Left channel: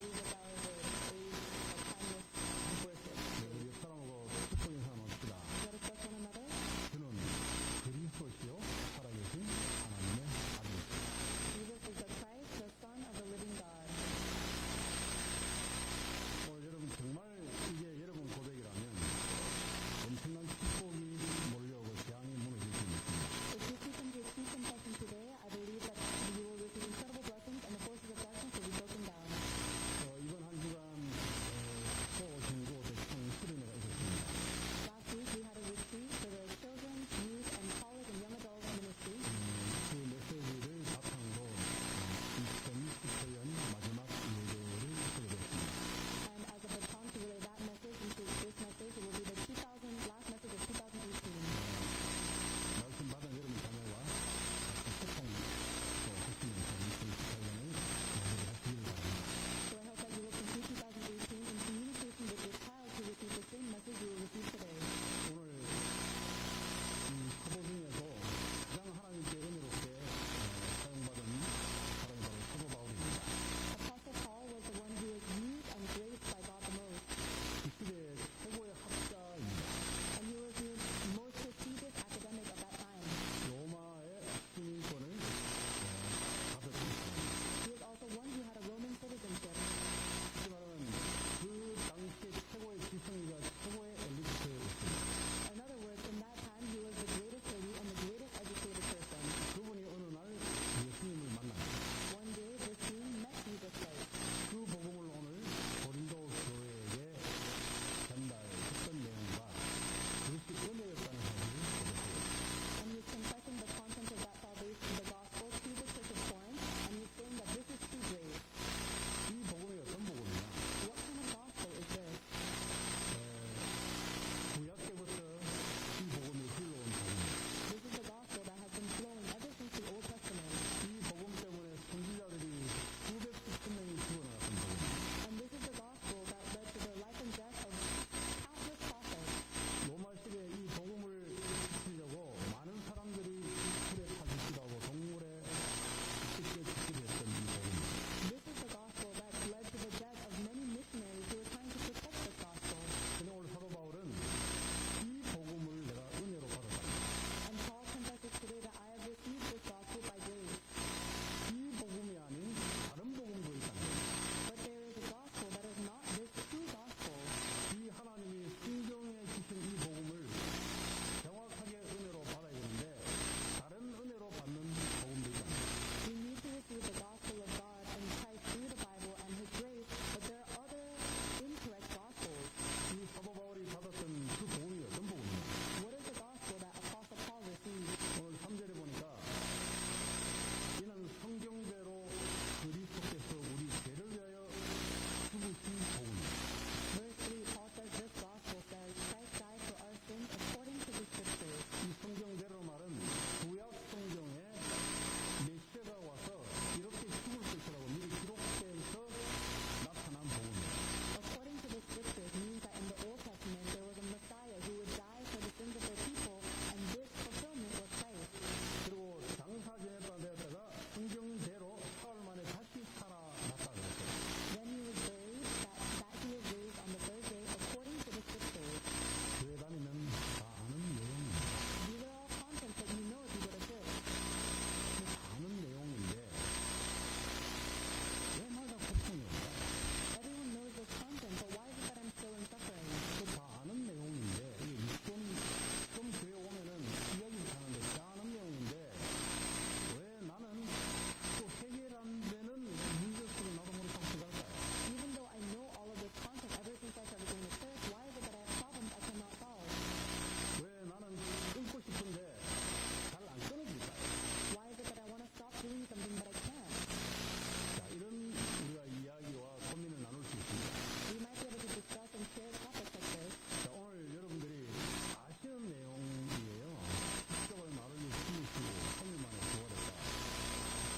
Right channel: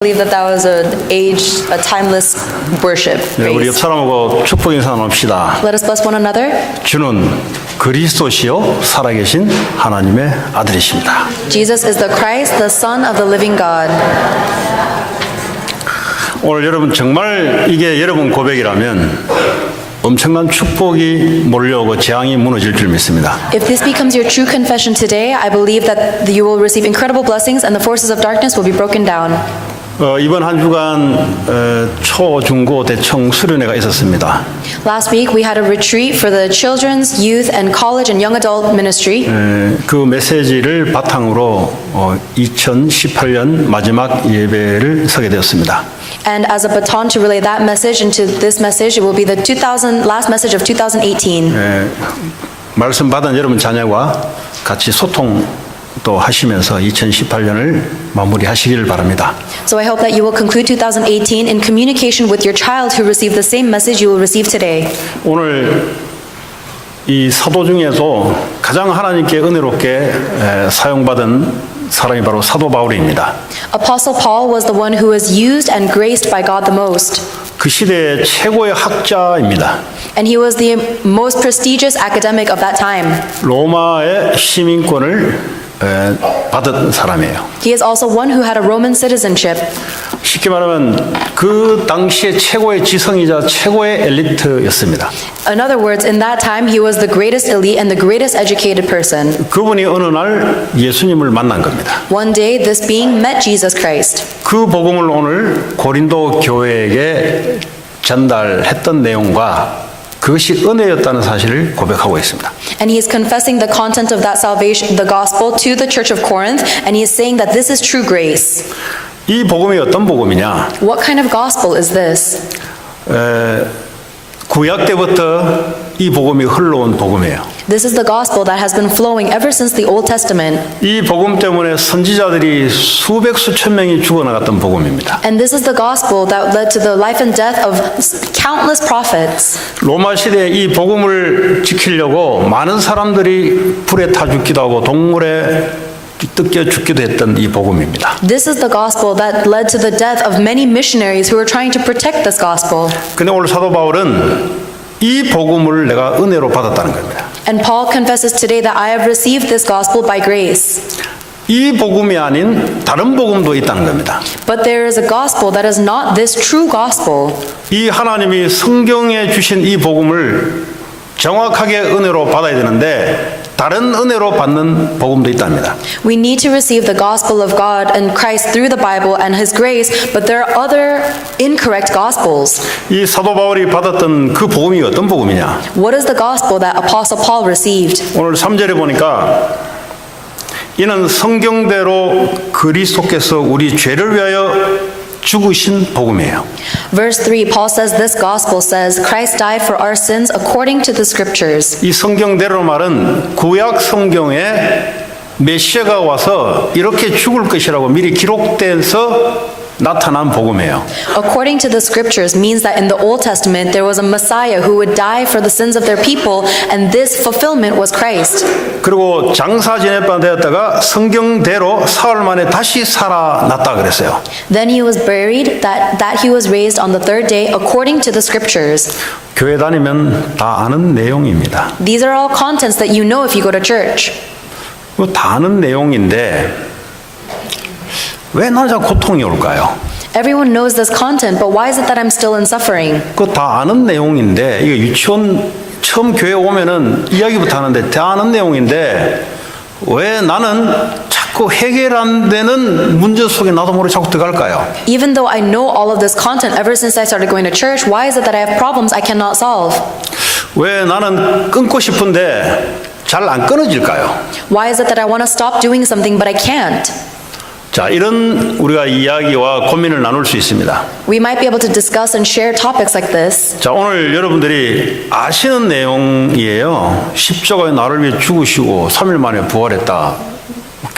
believe that was a timeless worship 네, 우리 옆 phrase. 사람하고 축복 인사 나눕시다. Let us bless one another. 주는 그리스도시요 살아계신 하나님의 아들이십니다. Jesus is the Christ, the Son of the living God. 오늘 여러분 정말 이게 여러분 고백이라면 엄청난 축복이 몰려오고 재앙이 무너질 줄 믿습니다. If this becomes your true confession today, I believe that you will receive incredible blessings and the forces of darkness will be broken down. 이번 한 주간 초, 중, 고, 대청 수련회가 있었습니다. Last week we had a retreat for the children's, youth, and college and young adult ministry. 그 메시지를 바탕으로 2018년 마지막 예배를 서게 되었습니다. And as a baton to relay that message into this message, it will be the last message of 2018. 말씀 받은 여러분 자녀와 같이 소통도 하시면서 2018년을 마무리하시기를 바랍니다. So I hope that you will conclude 2018 in communication with your child who received the same message you will receive today. 오늘 이 사도 중에도 가장 하나님께 은혜롭게 사용받은 사람이 바로 사도 바울입니다. Apostle Paul was the one who was used and graced by God the most. 그 시대의 최고의 학자입니다. And he was the most prestigious academic of that time. 로마의 시민권을 받은 사람이에요. He is also one who had a Roman citizenship. 쉽게 말하면 그 당시의 최고의 지성이자 최고의 엘리트였습니다. In other words, in that time, he was the greatest elite and the greatest educated person. 그분이 어느 날 예수님을 만난 겁니다. One day, this being met Jesus Christ. 그 복음을 오늘 고린도 교회에게 전달했던 내용과 그것이 은혜였다는 사실을 고백하고 있습니다. And he is confessing the content of that salvation, the gospel, to the church of Corinth, and he is saying that this is true grace. 이 복음이 어떤 복음이냐? What kind of gospel is this? 구약 때부터 이 복음이 흘러온 복음이에요. This is the gospel that has been flowing ever since the Old Testament. 이 복음 때문에 선지자들이 수백 수천 명이 죽어나갔던 복음입니다. And this is the gospel that led to the life and death of countless prophets. 로마 시대에 이 복음을 지키려고 많은 사람들이 불에 타 죽기도 하고 동물에 뜯겨 죽기도 했던 이 복음입니다. This is the gospel that led to the death of many missionaries who were trying to protect this gospel. 근데 오늘 사도 바울은 이 복음을 내가 은혜로 받았다는 겁니다. And Paul confesses today that I have received this gospel by grace. 이 복음이 아닌 다른 복음도 있다는 겁니다. But there is a gospel that is not this true gospel. 이 하나님이 성경에 주신 이 복음을 정확하게 은혜로 받아야 되는데 다른 은혜로 받는 복음도 있답니다. We need to receive the gospel of God and Christ through the Bible and His grace, but there are other incorrect gospels. 이 사도 바울이 받았던 그 복음이 어떤 복음이냐? What is the gospel that Apostle Paul received? 오늘 3절에 보니까 이는 성경대로 그리스도께서 우리 죄를 위하여 죽으신 복음이에요. Verse 3, Paul says this gospel says, Christ died for our sins according to the scriptures. 이 성경대로 말은 구약 성경에 메시아가 와서 이렇게 죽을 것이라고 미리 기록돼서 나타난 복음이에요. According to the scriptures means that in the Old Testament there was a Messiah who would die for the sins of their people, and this fulfillment was Christ. 그리고 장사 지냈다 되었다가 성경대로 사흘 만에 다시 살아났다 그랬어요. Then he was buried, that he was raised on the third day according to the scriptures. 교회 다니면 다 아는 내용입니다. These are all contents that you know if you go to church. 다 아는 내용인데 왜 나는 자꾸 고통이 올까요? Everyone knows this content, but why is it that I'm still in suffering? 그거 다 아는 내용인데 이거 유치원 처음 교회 오면은 이야기부터 하는데 다 아는 내용인데 왜 나는 자꾸 해결 안 되는 문제 속에 나도 모르게 자꾸 들어갈까요? Even though I know all of this content ever since I started going to church, why is it that I have problems I cannot solve? 왜 나는 끊고 싶은데 잘 안 끊어질까요? Why is it that I want to stop doing something but I can't? 자, 이런 우리가 이야기와 고민을 나눌 수 있습니다. We might be able to discuss and share topics like this. 자, 오늘 여러분들이 아시는 내용이에요. 십자가에 나를 위해 죽으시고 3일 만에 부활했다.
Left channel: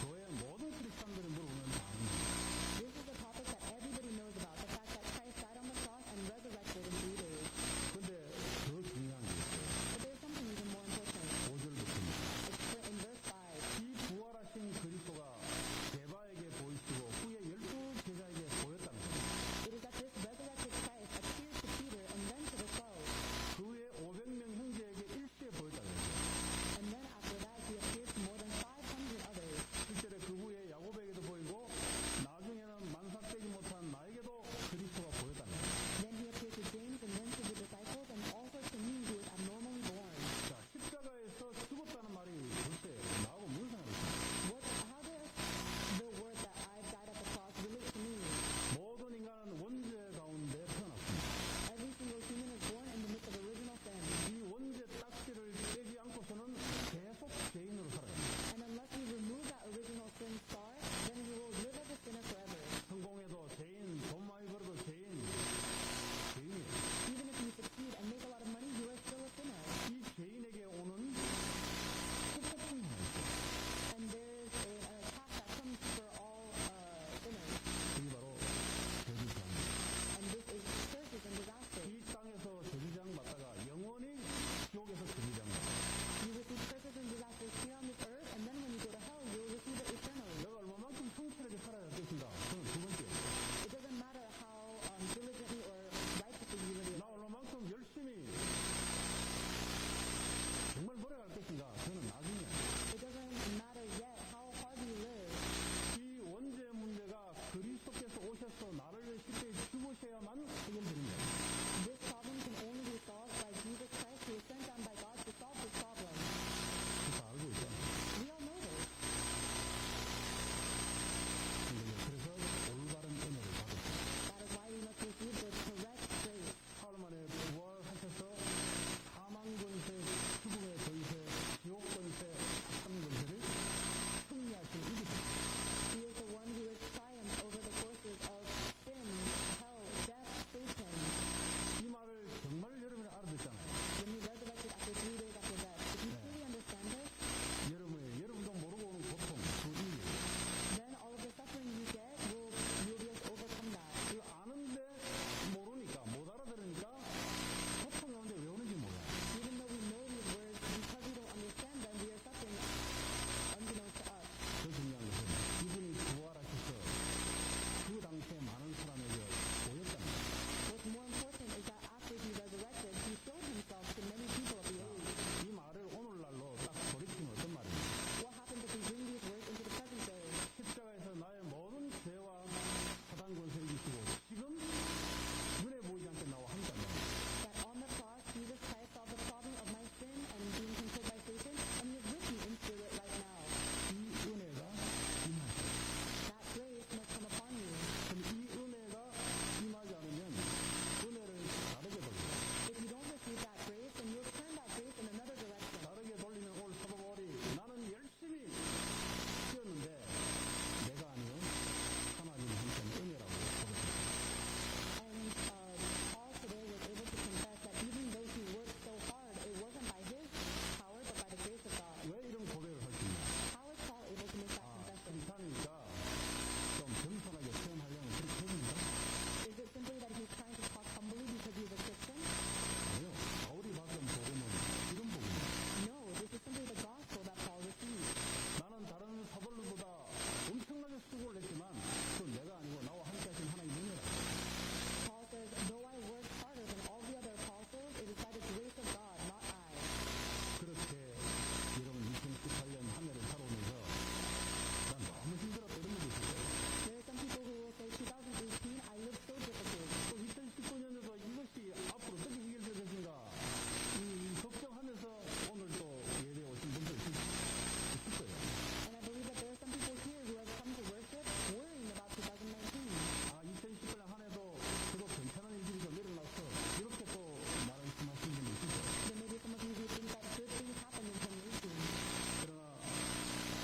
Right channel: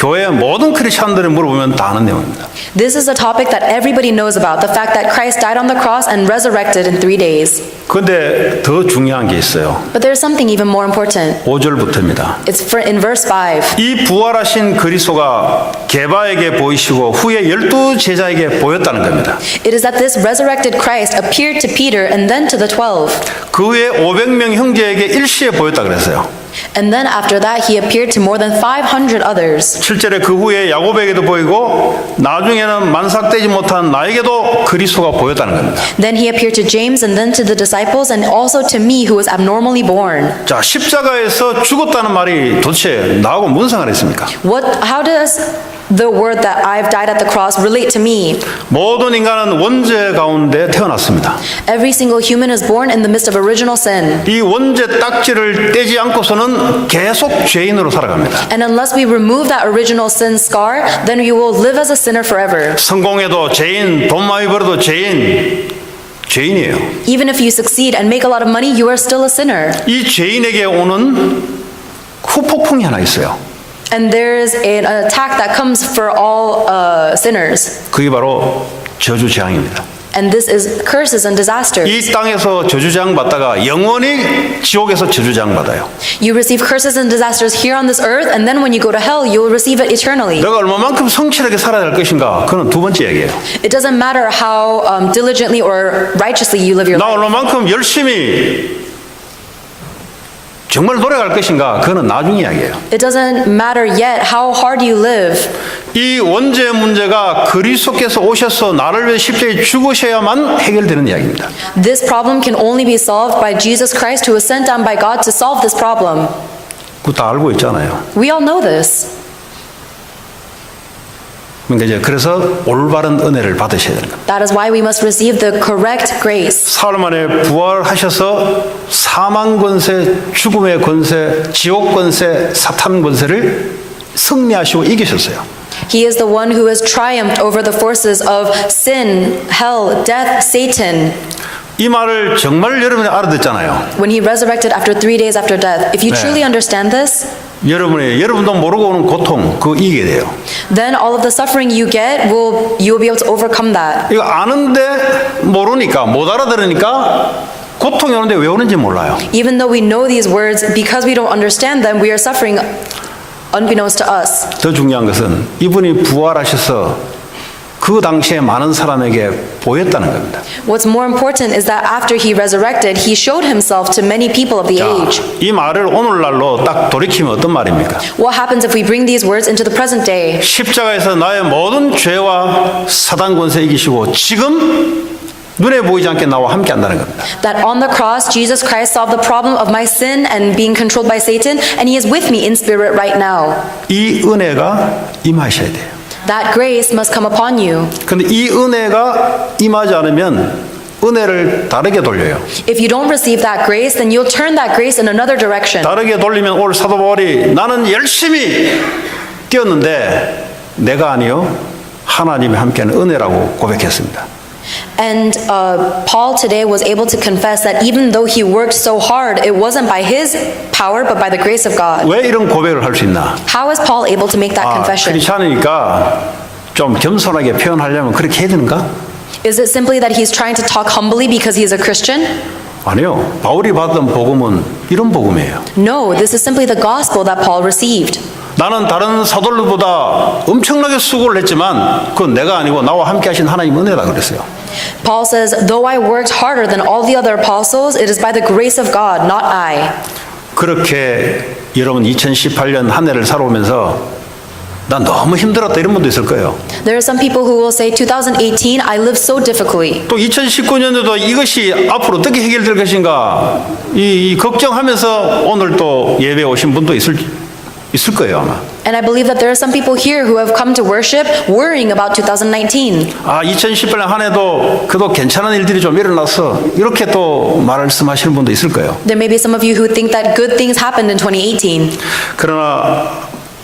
교회 모든 크리스천들이 물어보면 다 아는 내용입니다. This is a topic that everybody knows about, the fact that Christ died on the cross and resurrected in 3 days. 그런데 더 중요한 게 있어요. But there's something even more important. 5절부터입니다. It's in verse 5. 이 부활하신 그리스도가 게바에게 보이시고 후에 12제자에게 보였다는 겁니다. It is that this resurrected Christ appeared to Peter and then to the 12. 그 후에 500명 형제에게 일시에 보였다 그랬어요. And then after that, he appeared to more than 500 others. 7절에 그 후에 야곱에게도 보이고 나중에는 만삭되지 못한 나에게도 그리스도가 보였다는 겁니다. Then he appeared to James and then to the disciples and also to me who was abnormally born. 자, 십자가에서 죽었다는 말이 도대체 나하고 무슨 상관이 있습니까? How does the word that I've died at the cross relate to me? 모든 인간은 원죄 가운데 태어났습니다. Every single human is born in the midst of original sin. 이 원죄 딱지를 떼지 않고서는 계속 죄인으로 살아갑니다. And unless we remove that original sin scar, then we will live as a sinner forever. 성공해도 죄인, 돈 많이 벌어도 죄인이에요. Even if you succeed and make a lot of money, you are still a sinner. 이 죄인에게 오는 후폭풍이 하나 있어요. And there's an attack that comes for all sinners. 그게 바로 저주재앙입니다. And this is curses and disasters. 이 땅에서 저주재앙 받다가 영원히 지옥에서 저주재앙 받아요. You receive curses and disasters here on this earth, and then when you go to hell, you will receive it eternally. 내가 얼마만큼 성실하게 살아야 할 것인가? 그건 두 번째 얘기예요. It doesn't matter how diligently or righteously you live your 나 life. 얼마만큼 열심히 정말 노력할 것인가? 그거는 나중 이야기예요. It doesn't matter yet how hard you live. 이 원죄 문제가 그리스도께서 오셔서 나를 위해 십자가에 죽으셔야만 해결되는 이야기입니다. This problem can only be solved by Jesus Christ, who was sent down by God to solve this problem. 그거 다 알고 있잖아요. We all know this. 그러니까 이제 그래서 올바른 은혜를 받으셔야 되는 겁니다. That is why we must receive the correct grace. 사흘 만에 부활하셔서 사망 권세, 죽음의 권세, 지옥 권세, 사탄 권세를 승리하시고 이기셨어요. He is the one who has triumphed over the forces of sin, hell, death, Satan. 이 말을 정말 여러분이 알아듣잖아요. When he resurrected after 3 days after death, if you truly understand this, 여러분도 모르고 오는 고통 그거 이기게 돼요. then all of the suffering you get you will be able to overcome that. 이거 아는데 모르니까 못 알아들으니까 고통이 오는데 왜 오는지 몰라요. Even though we know these words, because we don't understand them, we are suffering unbeknownst to us. 더 중요한 것은 이분이 부활하셔서 그 당시에 많은 사람에게 보였다는 겁니다. What's more important is that after he resurrected, he showed himself to many people of the age. 이 말을 오늘날로 딱 돌이키면 어떤 말입니까? What happens if we bring these words into the present day? 십자가에서 나의 모든 죄와 사단 권세 이기시고 지금 눈에 보이지 않게 나와 함께 한다는 겁니다. That on the cross, Jesus Christ solved the problem of my sin and being controlled by Satan, and he is with me in spirit right now. 이 은혜가 임하셔야 돼요. That grace must come upon you. 그런데 이 은혜가 임하지 않으면 은혜를 다르게 돌려요. If you don't receive that grace, then you'll turn that grace in another direction. 다르게 돌리면 오늘 사도 바울이 나는 열심히 뛰었는데 내가 아니요 하나님이 함께하는 은혜라고 고백했습니다. And Paul today was able to confess that even though he worked so hard, it wasn't by his power, but by the grace of God. 왜 이런 고백을 할 수 있나? How is Paul able to make that confession? 크리스찬이니까 좀 겸손하게 표현하려면 그렇게 해야 되는가? Is it simply that he's trying to talk humbly because he's a Christian? 아니요. 바울이 받은 복음은 이런 복음이에요. No, this is simply the gospel that Paul received. 나는 다른 사도들보다 엄청나게 수고를 했지만 그건 내가 아니고 나와 함께 하신 하나님 은혜다 그랬어요. Paul says, though I worked harder than all the other apostles, it is by the grace of God, not I. 그렇게 여러분 2018년 한 해를 살아오면서 난 너무 힘들었다 이런 분도 있을 거예요. There are some people who will say, 2018, I lived so difficultly. 또 2019년에도 이것이 앞으로 어떻게 해결될 것인가 이 걱정하면서 오늘 또 예배 오신 분도 있을 거예요 아마. And I believe that there are some people here who have come to worship worrying about 2019. 2018년 한 해도 그래도 괜찮은 일들이 좀 일어나서 이렇게 또 말씀하시는 분도 있을 거예요. There may be some of you who think that good things happened in 2018. 그러나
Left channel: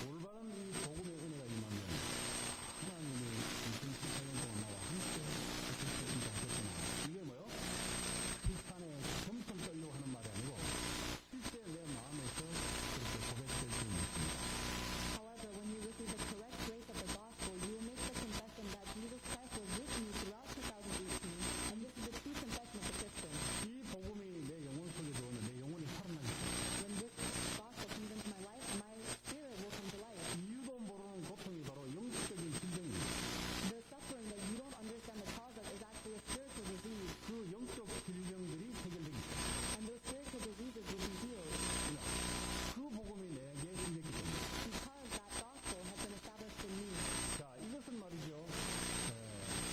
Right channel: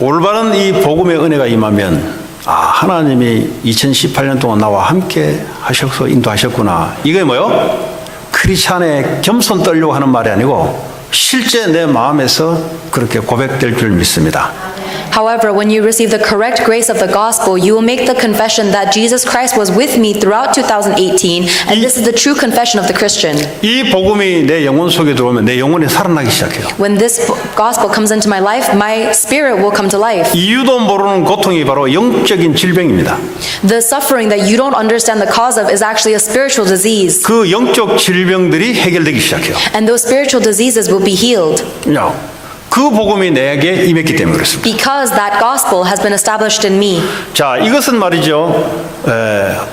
올바른 이 복음의 은혜가 임하면 하나님이 2018년 동안 나와 함께 하셔서 인도하셨구나. 이게 뭐요? 크리스찬의 겸손 떨려고 하는 말이 아니고 실제 내 마음에서 그렇게 고백될 줄 믿습니다. However, when you receive the correct grace of the gospel, you will make the confession that Jesus Christ was with me throughout 2018, and this is the true confession of the Christian. 이 복음이 내 영혼 속에 들어오면 내 영혼이 살아나기 시작해요. When this gospel comes into my life, my spirit will come to life. 이유도 모르는 고통이 바로 영적인 질병입니다. The suffering that you don't understand the cause of is actually a spiritual disease, 그 영적 질병들이 해결되기 시작해요. and those spiritual diseases will be healed 야, 그 복음이 내게 임했기 때문에 그렇습니다. because that gospel has been established in me. 자, 이것은 말이죠.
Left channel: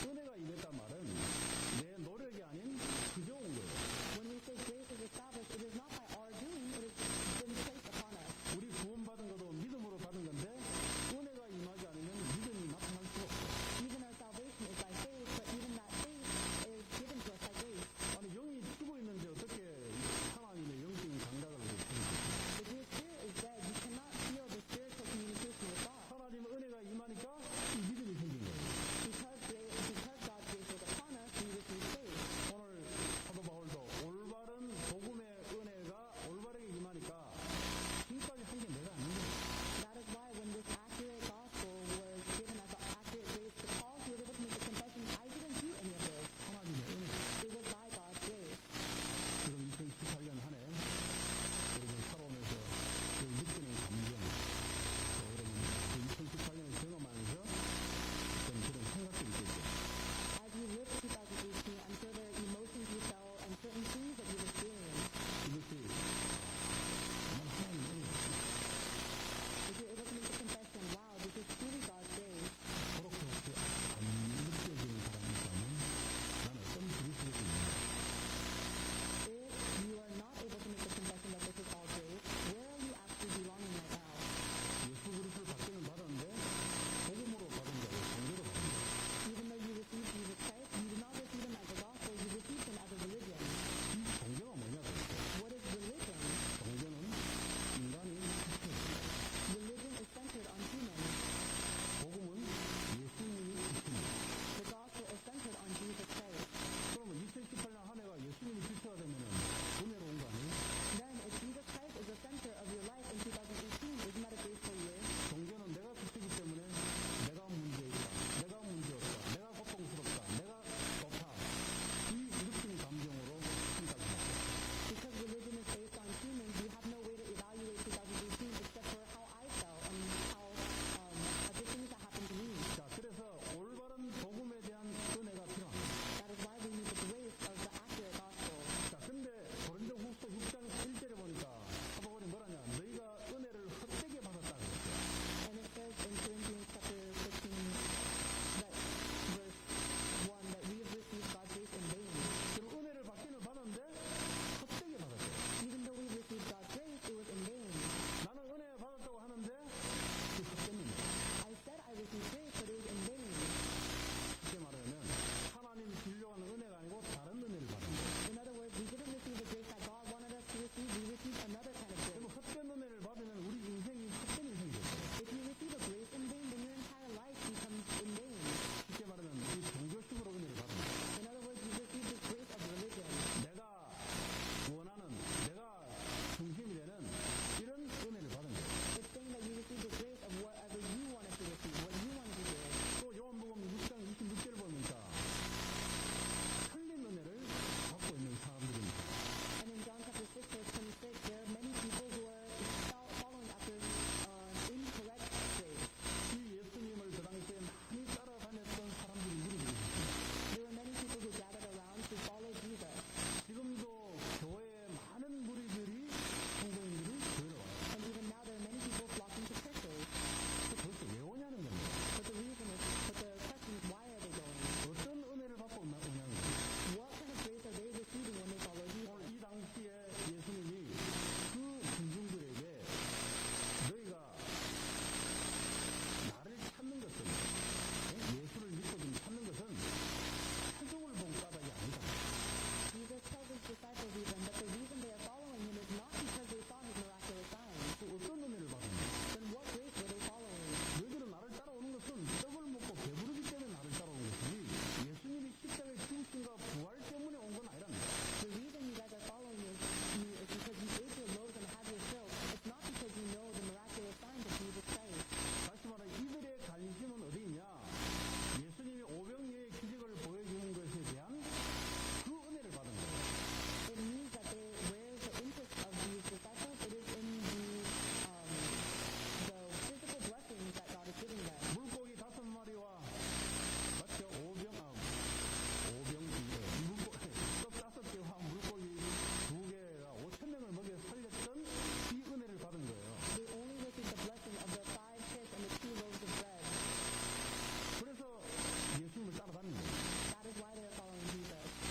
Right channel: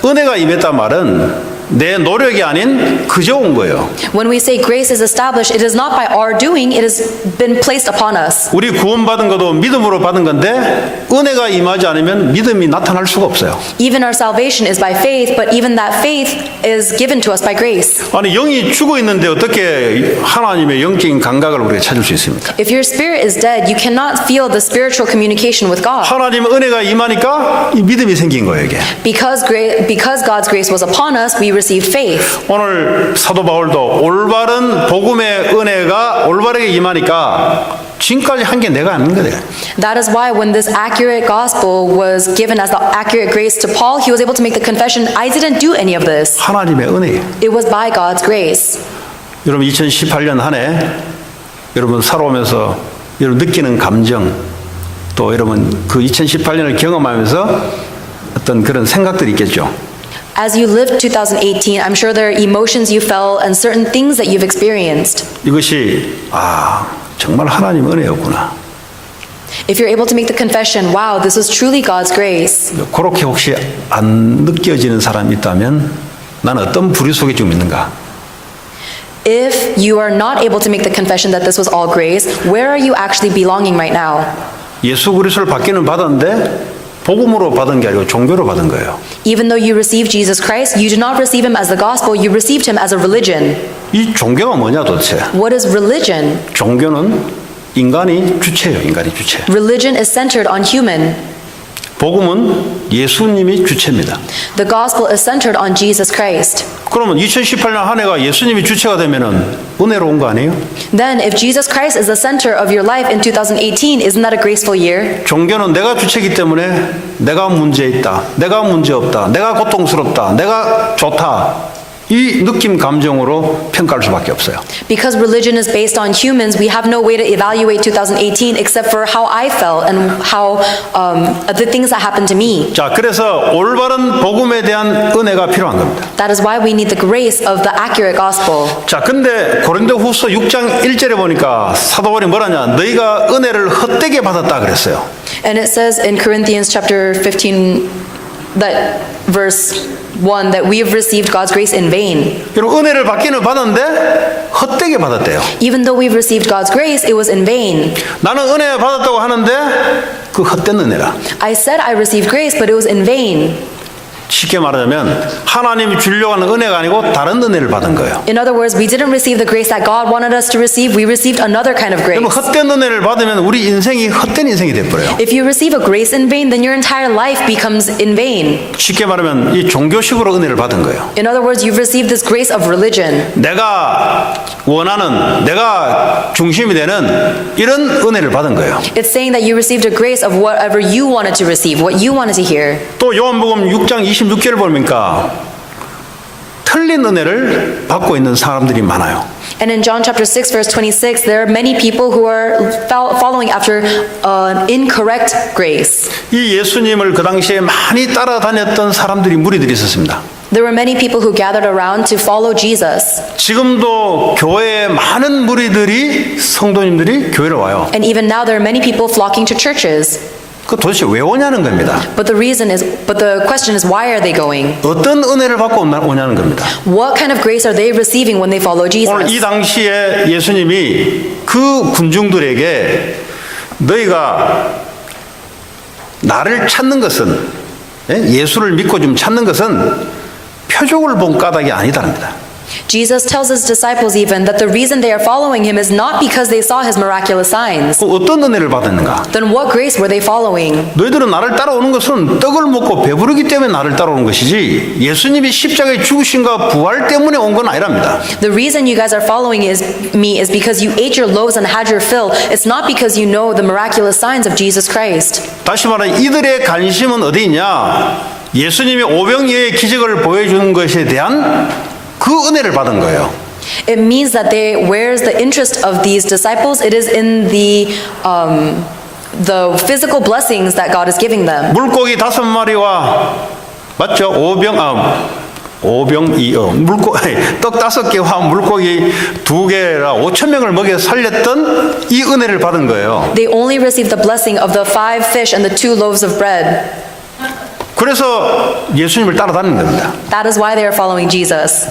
은혜가 임했다 말은 내 노력이 아닌 그저 온 거예요. When we say grace is established, it is not by our doing, it has been placed upon us. 우리 구원받은 것도 믿음으로 받은 건데 은혜가 임하지 않으면 믿음이 나타날 수가 없어요. Even our salvation is by faith, but even that faith is given to us by grace. 아니 영이 죽어 있는데 어떻게 하나님의 영적인 감각을 우리가 찾을 수 있습니까? If your spirit is dead, you cannot feel the spiritual communication with God. 하나님의 은혜가 임하니까 이 믿음이 생긴 거예요, 이게. Because God's grace was upon us, we received faith. 오늘 사도 바울도 올바른 복음의 은혜가 올바르게 임하니까 지금까지 한 게 내가 아닌 거예요. That is why when this accurate gospel was given as the accurate grace to Paul, he was able to make the confession, I didn't do any of this. 하나님의 은혜예요. It was by God's grace. 여러분 2018년 한 해 여러분 살아오면서 여러분 느끼는 감정 또 여러분 그 2018년을 경험하면서 어떤 그런 생각들이 있겠죠. As you lived 2018, I'm sure there are emotions you felt and certain things that you've experienced. 이것이 정말 하나님 은혜였구나. If you're able to make the confession, wow, this is truly God's grace. 그렇게 혹시 안 느껴지는 사람이 있다면 나는 어떤 부류 속에 좀 있는가? If you are not able to make the confession that this was all grace, where are you actually belonging right now? 예수 그리스도를 받기는 받았는데 복음으로 받은 게 아니고 종교로 받은 거예요. Even though you received Jesus Christ, you did not receive him as the gospel, you received him as a religion. 이 종교가 뭐냐 도대체? What is religion? 종교는 인간이 주체예요. 인간이 주체. Religion is centered on human. 복음은 예수님이 주체입니다. The gospel is centered on Jesus Christ. 그러면 2018년 한 해가 예수님이 주체가 되면은 은혜로운 거 아니에요? Then, if Jesus Christ is the center of your life in 2018, isn't that a graceful year? 종교는 내가 주체이기 때문에 내가 문제 있다, 내가 문제 없다, 내가 고통스럽다, 내가 좋다. 이 느낌 감정으로 평가할 수밖에 없어요. Because religion is based on humans, we have no way to evaluate 2018 except for how I felt and how the things that happened to me. 자, 그래서 올바른 복음에 대한 은혜가 필요한 겁니다. That is why we need the grace of the accurate gospel. 자, 근데 고린도후서 6장 1절에 보니까 사도 바울이 뭐라냐? 너희가 은혜를 헛되게 받았다 그랬어요. And it says in Corinthians chapter 15 that verse 1 that we have received God's grace in vain. 여러분 은혜를 받기는 받았는데 헛되게 받았대요. Even though we've received God's grace, it was in vain. 나는 은혜 받았다고 하는데 그 헛된 은혜라. I said I received grace, but it was in vain. 쉽게 말하자면 하나님이 주려고 하는 은혜가 아니고 다른 은혜를 받은 거예요. In other words, we didn't receive the grace that God wanted us to receive. We received another kind of grace. 여러분 헛된 은혜를 받으면 우리 인생이 헛된 인생이 돼버려요. If you receive a grace in vain, then your entire life becomes in vain. 쉽게 말하면 이 종교식으로 은혜를 받은 거예요. In other words, you've received this grace of religion. 내가 원하는 내가 중심이 되는 이런 은혜를 받은 거예요. It's saying that you received a grace of whatever you wanted to receive, what you wanted to hear. 또 요한복음 6장 26절을 보니까 틀린 은혜를 받고 있는 사람들이 많아요. And in John chapter 6 verse 26, there are many people who are following after an incorrect grace. 이 예수님을 그 당시에 많이 따라다녔던 사람들이 무리들이 있었습니다. There were many people who gathered around to follow Jesus. 지금도 교회에 많은 무리들이 성도님들이 교회를 와요. And even now there are many people flocking to churches. 그 도대체 왜 오냐는 겁니다. But the question is, why are they going? 어떤 은혜를 받고 오냐는 겁니다. What kind of grace are they receiving when they follow 오늘 이 Jesus? 당시에 예수님이 그 군중들에게 너희가 나를 찾는 것은 예수를 믿고 좀 찾는 것은 표적을 본 까닭이 아니다랍니다. Jesus tells his disciples even that the reason they are following him is not because they saw his miraculous signs. 그 어떤 은혜를 받았는가? Then what grace were they following? 너희들은 나를 따라오는 것은 떡을 먹고 배부르기 때문에 나를 따라오는 것이지 예수님이 십자가에 죽으신가 부활 때문에 온 건 아니랍니다. The reason you guys are following me is because you ate your loaves and had your fill. It's not because you know the miraculous signs of Jesus Christ. 다시 말해 이들의 관심은 어디 있냐? 예수님이 오병이어의 기적을 보여주는 것에 대한 그 은혜를 받은 거예요. It means that where's the interest of these disciples? It is in the physical blessings that God is giving them. 물고기 5마리와 맞죠? 떡 5개와 물고기 2개라 5,000명을 먹여 살렸던 이 은혜를 받은 거예요. They only received the blessing of the 5 fish and the 2 loaves of bread. 그래서 예수님을 따라다니는 겁니다. That is why they are following Jesus.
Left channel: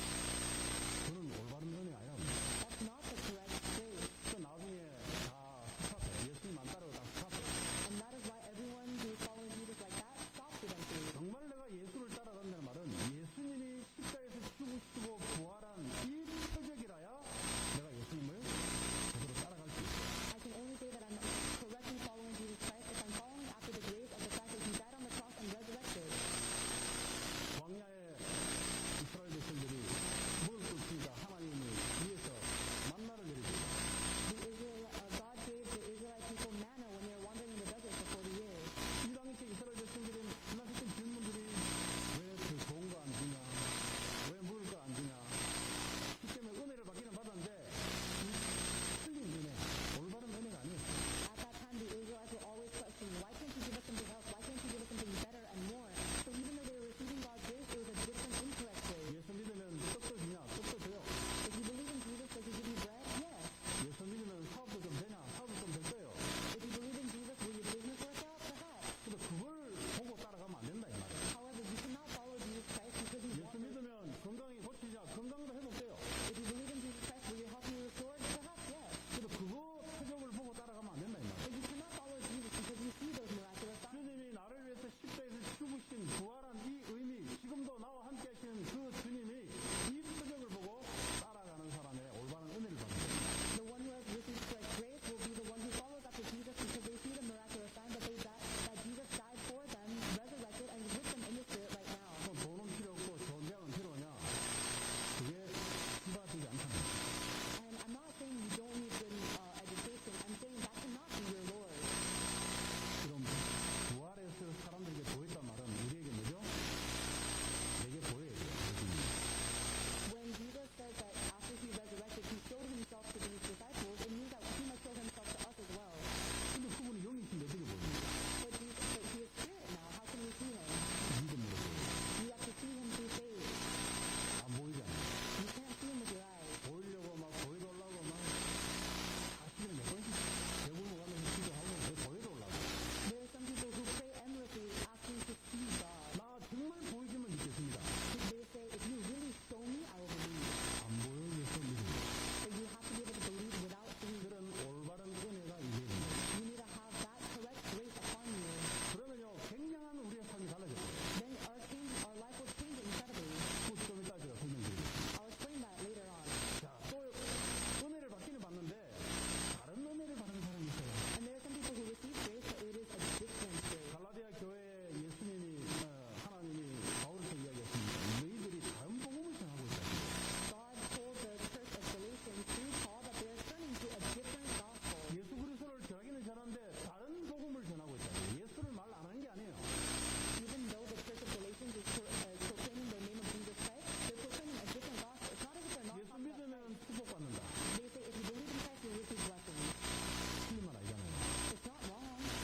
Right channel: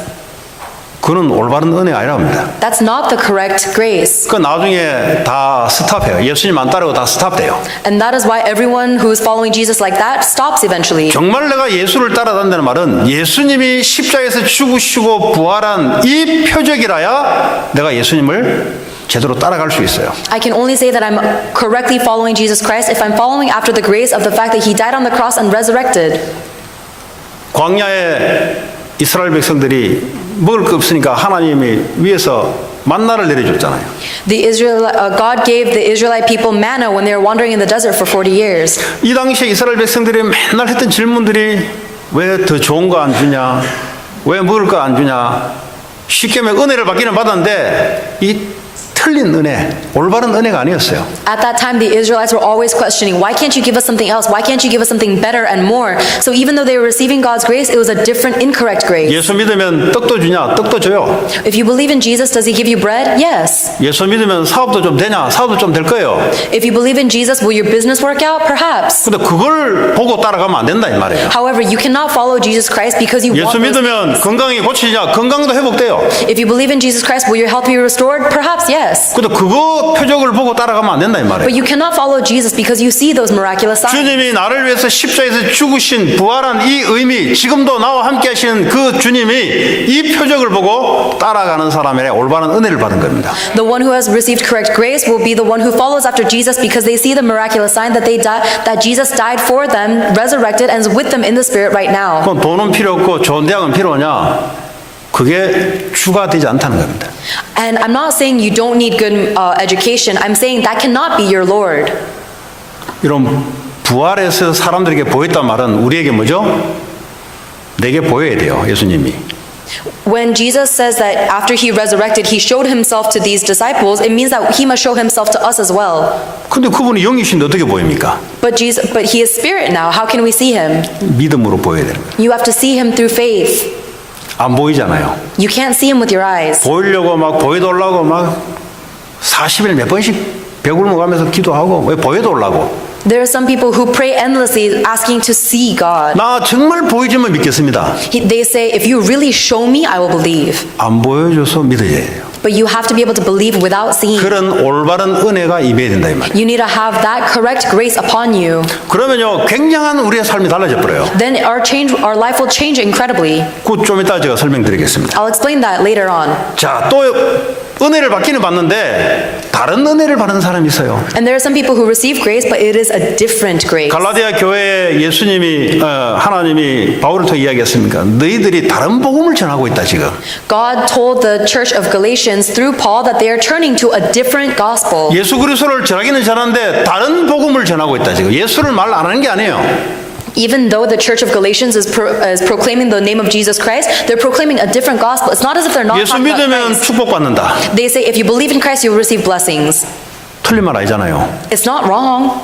그는 올바른 은혜가 아니랍니다. That's not the correct grace. 그 나중에 다 스탑해요. 예수님 안 따르고 다 스탑돼요. And that is why everyone who is following Jesus like that stops eventually. 정말 내가 예수를 따라다닌다는 말은 예수님이 십자가에서 죽으시고 부활한 이 표적이라야 내가 예수님을 제대로 따라갈 수 있어요. I can only say that I'm correctly following Jesus Christ if I'm following after the grace of the fact that he died on the cross and resurrected. 광야에 이스라엘 백성들이 먹을 거 없으니까 하나님이 위에서 만나를 내려줬잖아요. God gave the Israelite people manna when they were wandering in the desert for 40 years. 이 당시에 이스라엘 백성들이 맨날 했던 질문들이 왜 더 좋은 거 안 주냐? 왜 먹을 거 안 주냐? 쉽게 말해 은혜를 받기는 받았는데 이 틀린 은혜, 올바른 은혜가 아니었어요. At that time, the Israelites were always questioning, why can't you give us something else? Why can't you give us something better and more? So even though they were receiving God's grace, it was a different, incorrect grace. 예수 믿으면 떡도 주냐? 떡도 줘요. If you believe in Jesus, does he give you bread? Yes. 예수 믿으면 사업도 좀 되냐? 사업도 좀 될 거예요. If you believe in Jesus, will your business work out? Perhaps. 근데 그걸 보고 따라가면 안 된다 이 말이에요. However, you cannot follow Jesus Christ because you 예수 want those 믿으면 things. 건강이 고치냐? 건강도 회복돼요. If you believe in Jesus Christ, will your health be restored? Perhaps, yes. 근데 그거 표적을 보고 따라가면 안 된다 이 말이에요. But you cannot follow Jesus because you see those miraculous signs. 주님이 나를 위해서 십자가에서 죽으신 부활한 이 의미, 지금도 나와 함께 하시는 그 주님이 이 표적을 보고 따라가는 사람의 올바른 은혜를 받은 겁니다. The one who has received correct grace will be the one who follows after Jesus because they see the miraculous sign that that Jesus died for them, resurrected, and is with them in the Spirit right now. 그럼 돈은 필요 없고 좋은 대학은 필요하냐? 그게 주가 되지 않다는 겁니다. And I'm not saying you don't need good education. I'm saying that cannot be your Lord. 이런 부활해서 사람들에게 보였단 말은 우리에게 뭐죠? 내게 보여야 돼요, 예수님이. When Jesus says that after he resurrected, he showed himself to these disciples, it means that he must show himself to us as well. 근데 그분이 영이신데 어떻게 보입니까? But he is spirit now. How can we see him? 믿음으로 보여야 되는 거예요. You have to see him through faith. 안 보이잖아요. You can't see him with your eyes. 보이려고 막 보여달라고 막 40일 몇 번씩 벽 울먹하면서 기도하고 왜 보여달라고. There are some people who pray endlessly asking to see God. 나 정말 보여주면 믿겠습니다. They say, if you really show me, I will believe. 안 보여줘서 믿어야 돼요. But you have to be able to believe without seeing. 그런 올바른 은혜가 임해야 된다 이 말이에요. You need to have that correct grace upon you. 그러면요 굉장한 우리의 삶이 달라져 버려요. Then our life will change incredibly. 그 좀 이따 제가 설명드리겠습니다. I'll explain that later on. 자, 또 은혜를 받기는 받는데 다른 은혜를 받는 사람이 있어요. And there are some people who receive grace, but it is a different grace. 갈라디아 교회에 예수님이 하나님이 바울을 통해 이야기했습니까? 너희들이 다른 복음을 전하고 있다 지금. God told the church of Galatians through Paul that they are turning to a different gospel. 예수 그리스도를 전하기는 전하는데 다른 복음을 전하고 있다 지금. 예수를 말 안 하는 게 아니에요. Even though the church of Galatians is proclaiming the name of Jesus Christ, they're proclaiming a different gospel. It's not as if they're not 예수 talking about 믿으면 Christ. 축복받는다. They say if you believe in Christ, you'll receive blessings. 틀린 말 아니잖아요. It's not wrong.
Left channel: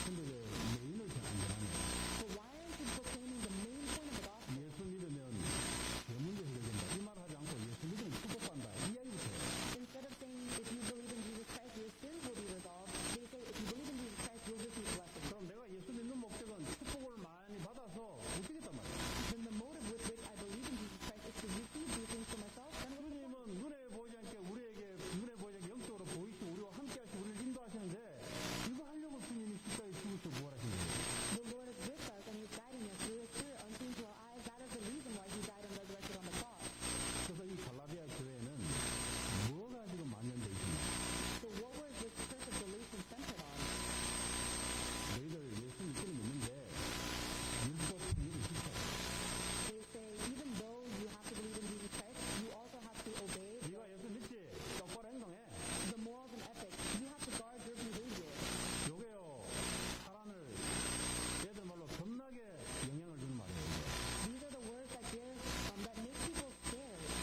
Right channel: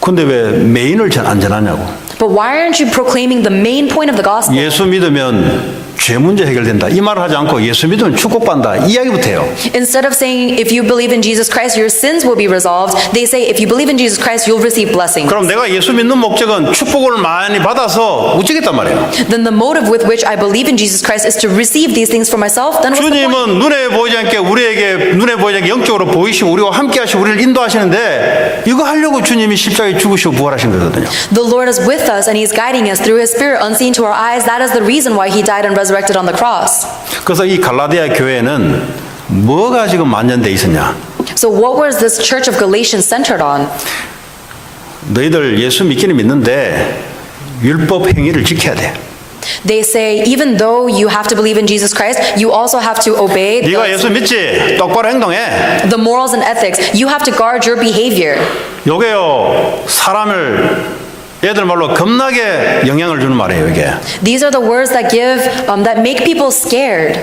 근데 왜 메인을 안 전하냐고. But why aren't you proclaiming the main point of the gospel? 예수 믿으면 죄 문제 해결된다. 이 말을 하지 않고 예수 믿으면 축복받는다. 이야기부터 해요. Instead of saying if you believe in Jesus Christ, your sins will be resolved, they say if you believe in Jesus Christ, you'll receive blessings. 그럼 내가 예수 믿는 목적은 축복을 많이 받아서 우찌겠단 말이에요. Then the motive with which I believe in Jesus Christ is to receive these things for myself. Then what's the point? 주님은 눈에 보이지 않게 우리에게 눈에 보이지 않게 영적으로 보이시고 우리와 함께 하시고 우리를 인도하시는데 이거 하려고 주님이 십자가에 죽으시고 부활하신 거거든요. The Lord is with us and He's guiding us through His Spirit unseen to our eyes. That is the reason why He died and resurrected resurrected on the cross. 그래서 이 갈라디아 교회는 뭐가 지금 만연돼 있었냐? So what was this church of Galatians centered on? 너희들 예수 믿기는 믿는데 율법 행위를 지켜야 돼. They say, even though you have to believe in Jesus Christ, you also have to obey 네가 예수 믿지? 똑바로 행동해. the morals and ethics. You have to guard your behavior. 요게요 사람을 얘들 말로 겁나게 영향을 주는 말이에요. 이게 These are the words that that make people scared.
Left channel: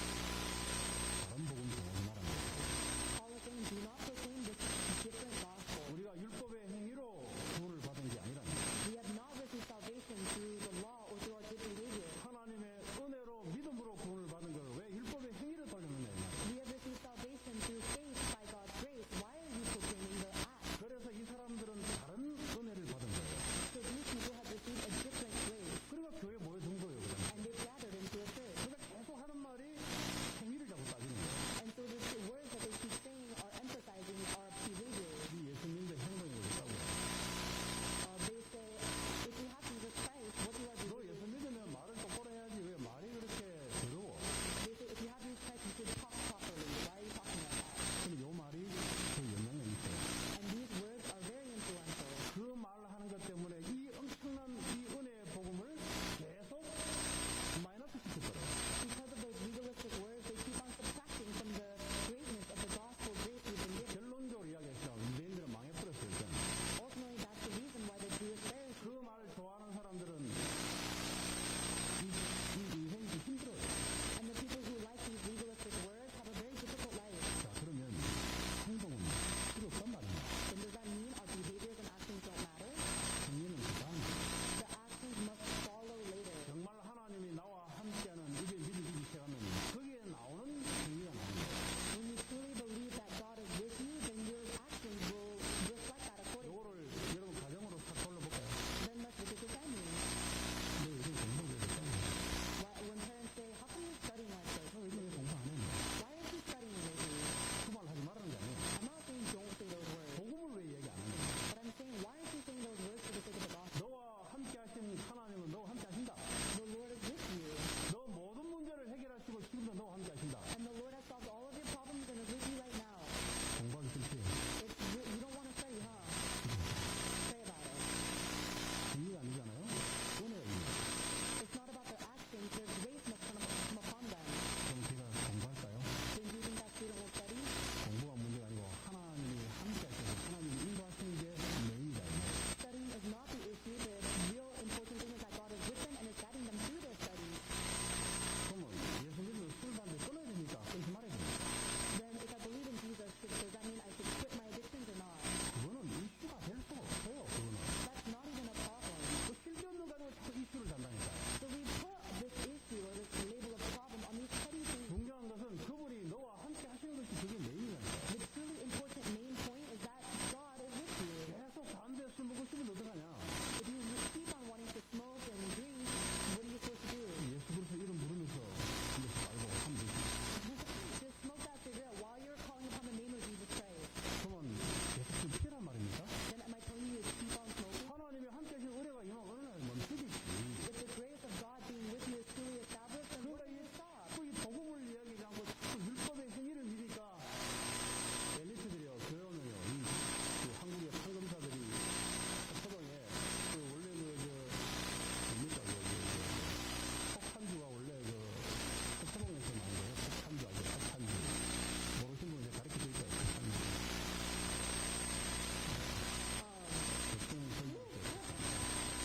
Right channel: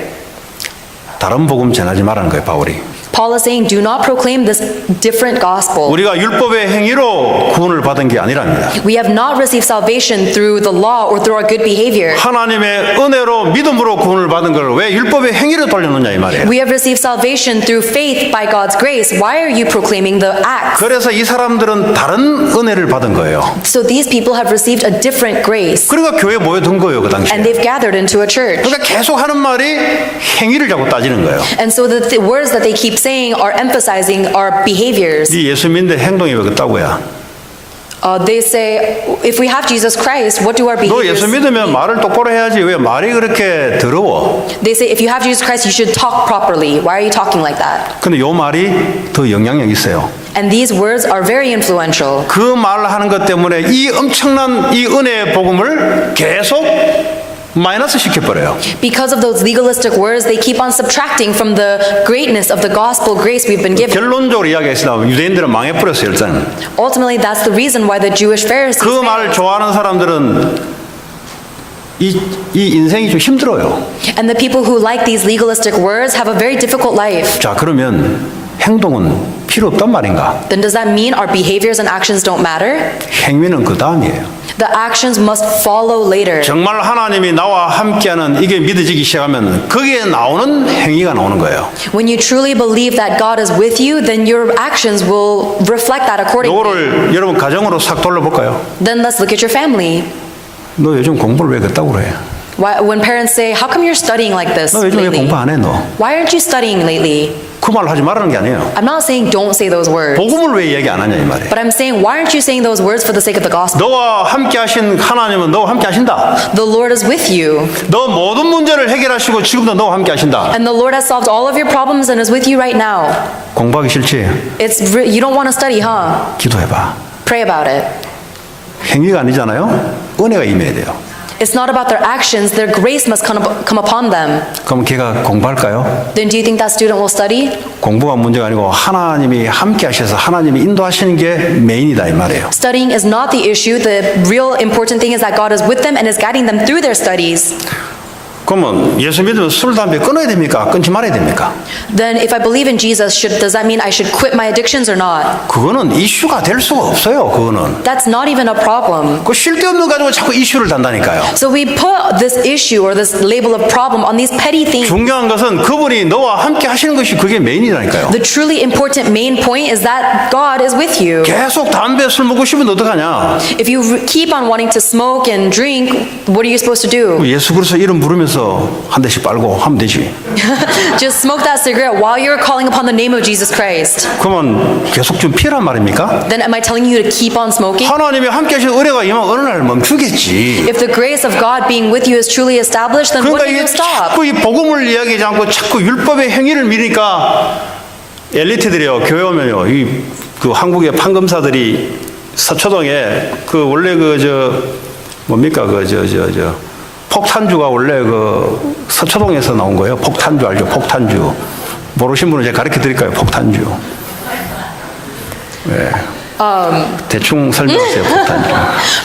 다른 복음 전하지 말라는 거예요. 바울이. Paul is saying, do not proclaim this different gospel. 우리가 율법의 행위로 구원을 받은 게 아니랍니다. We have not received salvation through the law or through our good behavior. 하나님의 은혜로 믿음으로 구원을 받은 걸 왜 율법의 행위로 돌려놓냐 이 말이에요. We have received salvation through faith by God's grace. Why are you proclaiming the acts? 그래서 이 사람들은 다른 은혜를 받은 거예요. So these people have received a different grace. 그러니까 교회에 모여든 거예요. 그 당시에. And they've gathered into a church. 그러니까 계속 하는 말이 행위를 자꾸 따지는 거예요. And so the words that they keep saying are emphasizing our behaviors. 네 예수 믿는데 행동이 왜 그따구야? They say, if we have Jesus Christ, what do our 너 behaviors? 예수 믿으면 말을 똑바로 해야지 왜 말이 그렇게 더러워? They say, if you have Jesus Christ, you should talk properly. Why are you talking like that? 근데 요 말이 더 영향력 있어요. And these words are very influential. 그 말을 하는 것 때문에 이 엄청난 이 은혜의 복음을 계속 마이너스 시켜버려요. Because of those legalistic words, they keep on subtracting from the greatness of the gospel grace we've been given. 결론적으로 이야기했으나 유대인들은 망해버렸어요. 일단 Ultimately, that's the reason why the Jewish Pharisees 그 말을 failed. 좋아하는 사람들은 이 인생이 좀 힘들어요. And the people who like these legalistic words have a very difficult life. 자 그러면 행동은 필요 없단 말인가? Then does that mean our behaviors and actions don't matter? 행위는 그 다음이에요. The actions must follow later. 정말 하나님이 나와 함께하는 이게 믿어지기 시작하면 거기에 나오는 행위가 나오는 거예요. When you truly believe that God is with you, then your actions will reflect that accordingly. 요거를 여러분 가정으로 싹 돌려볼까요? Then let's look at your family. 너 요즘 공부를 왜 그따구로 해? When parents say, how come you're studying like this 너 요즘 왜 lately? 공부 안 해 너? Why aren't you studying lately? 그 말 하지 말라는 게 아니에요. I'm not saying don't say those words. 복음을 왜 얘기 안 하냐 이 말이에요. But I'm saying, why aren't you saying those words for the sake of the gospel? 너와 함께 하신 하나님은 너와 함께 하신다. The Lord is with you. 너 모든 문제를 해결하시고 지금도 너와 함께 하신다. And the Lord has solved all of your problems and is with you right now. 공부하기 싫지? You don't want to study, huh? 기도해봐. Pray about it. 행위가 아니잖아요. 은혜가 임해야 돼요. It's not about their actions. Their grace must come upon them. 그럼 걔가 공부할까요? Then do you think that student will study? 공부가 문제가 아니고 하나님이 함께 하셔서 하나님이 인도하시는 게 메인이다 이 말이에요. Studying is not the issue. The real important thing is that God is with them and is guiding them through their studies. 그러면 예수 믿으면 술, 담배 끊어야 됩니까? 끊지 말아야 됩니까? Then if I believe in Jesus, does that mean I should quit my addictions or not? 그거는 이슈가 될 수가 없어요. 그거는. That's not even a problem. 그 쓸데없는 가지고 자꾸 이슈를 단다니까요. So we put this issue or this label of problem on these petty things. 중요한 것은 그분이 너와 함께 하시는 것이 그게 메인이라니까요. The truly important main point is that God is with you. 계속 담배, 술 먹고 싶으면 어떡하냐? If you keep on wanting to smoke and drink, what are you supposed to do? 예수 그리스도 이름 부르면서 한 대씩 빨고 하면 되지. Just smoke that cigarette while you're calling upon the name of Jesus Christ. 그러면 계속 좀 피란 말입니까? Then am I telling you to keep on smoking? 하나님이 함께 하신 은혜가 임하면 어느 날 멈추겠지. If the grace of God being with you is truly established, then when 그러니까 do you 이게 stop? 자꾸 이 복음을 이야기하지 않고 자꾸 율법의 행위를 미니까 엘리트들이요 교회 오면요 그 한국의 판검사들이 서초동에 그 원래 뭡니까 폭탄주가 원래 그 서초동에서 나온 거예요. 폭탄주 알죠? 폭탄주. 모르신 분은 제가 가르쳐 드릴까요? 폭탄주. 네. 대충 설명하세요. 폭탄주.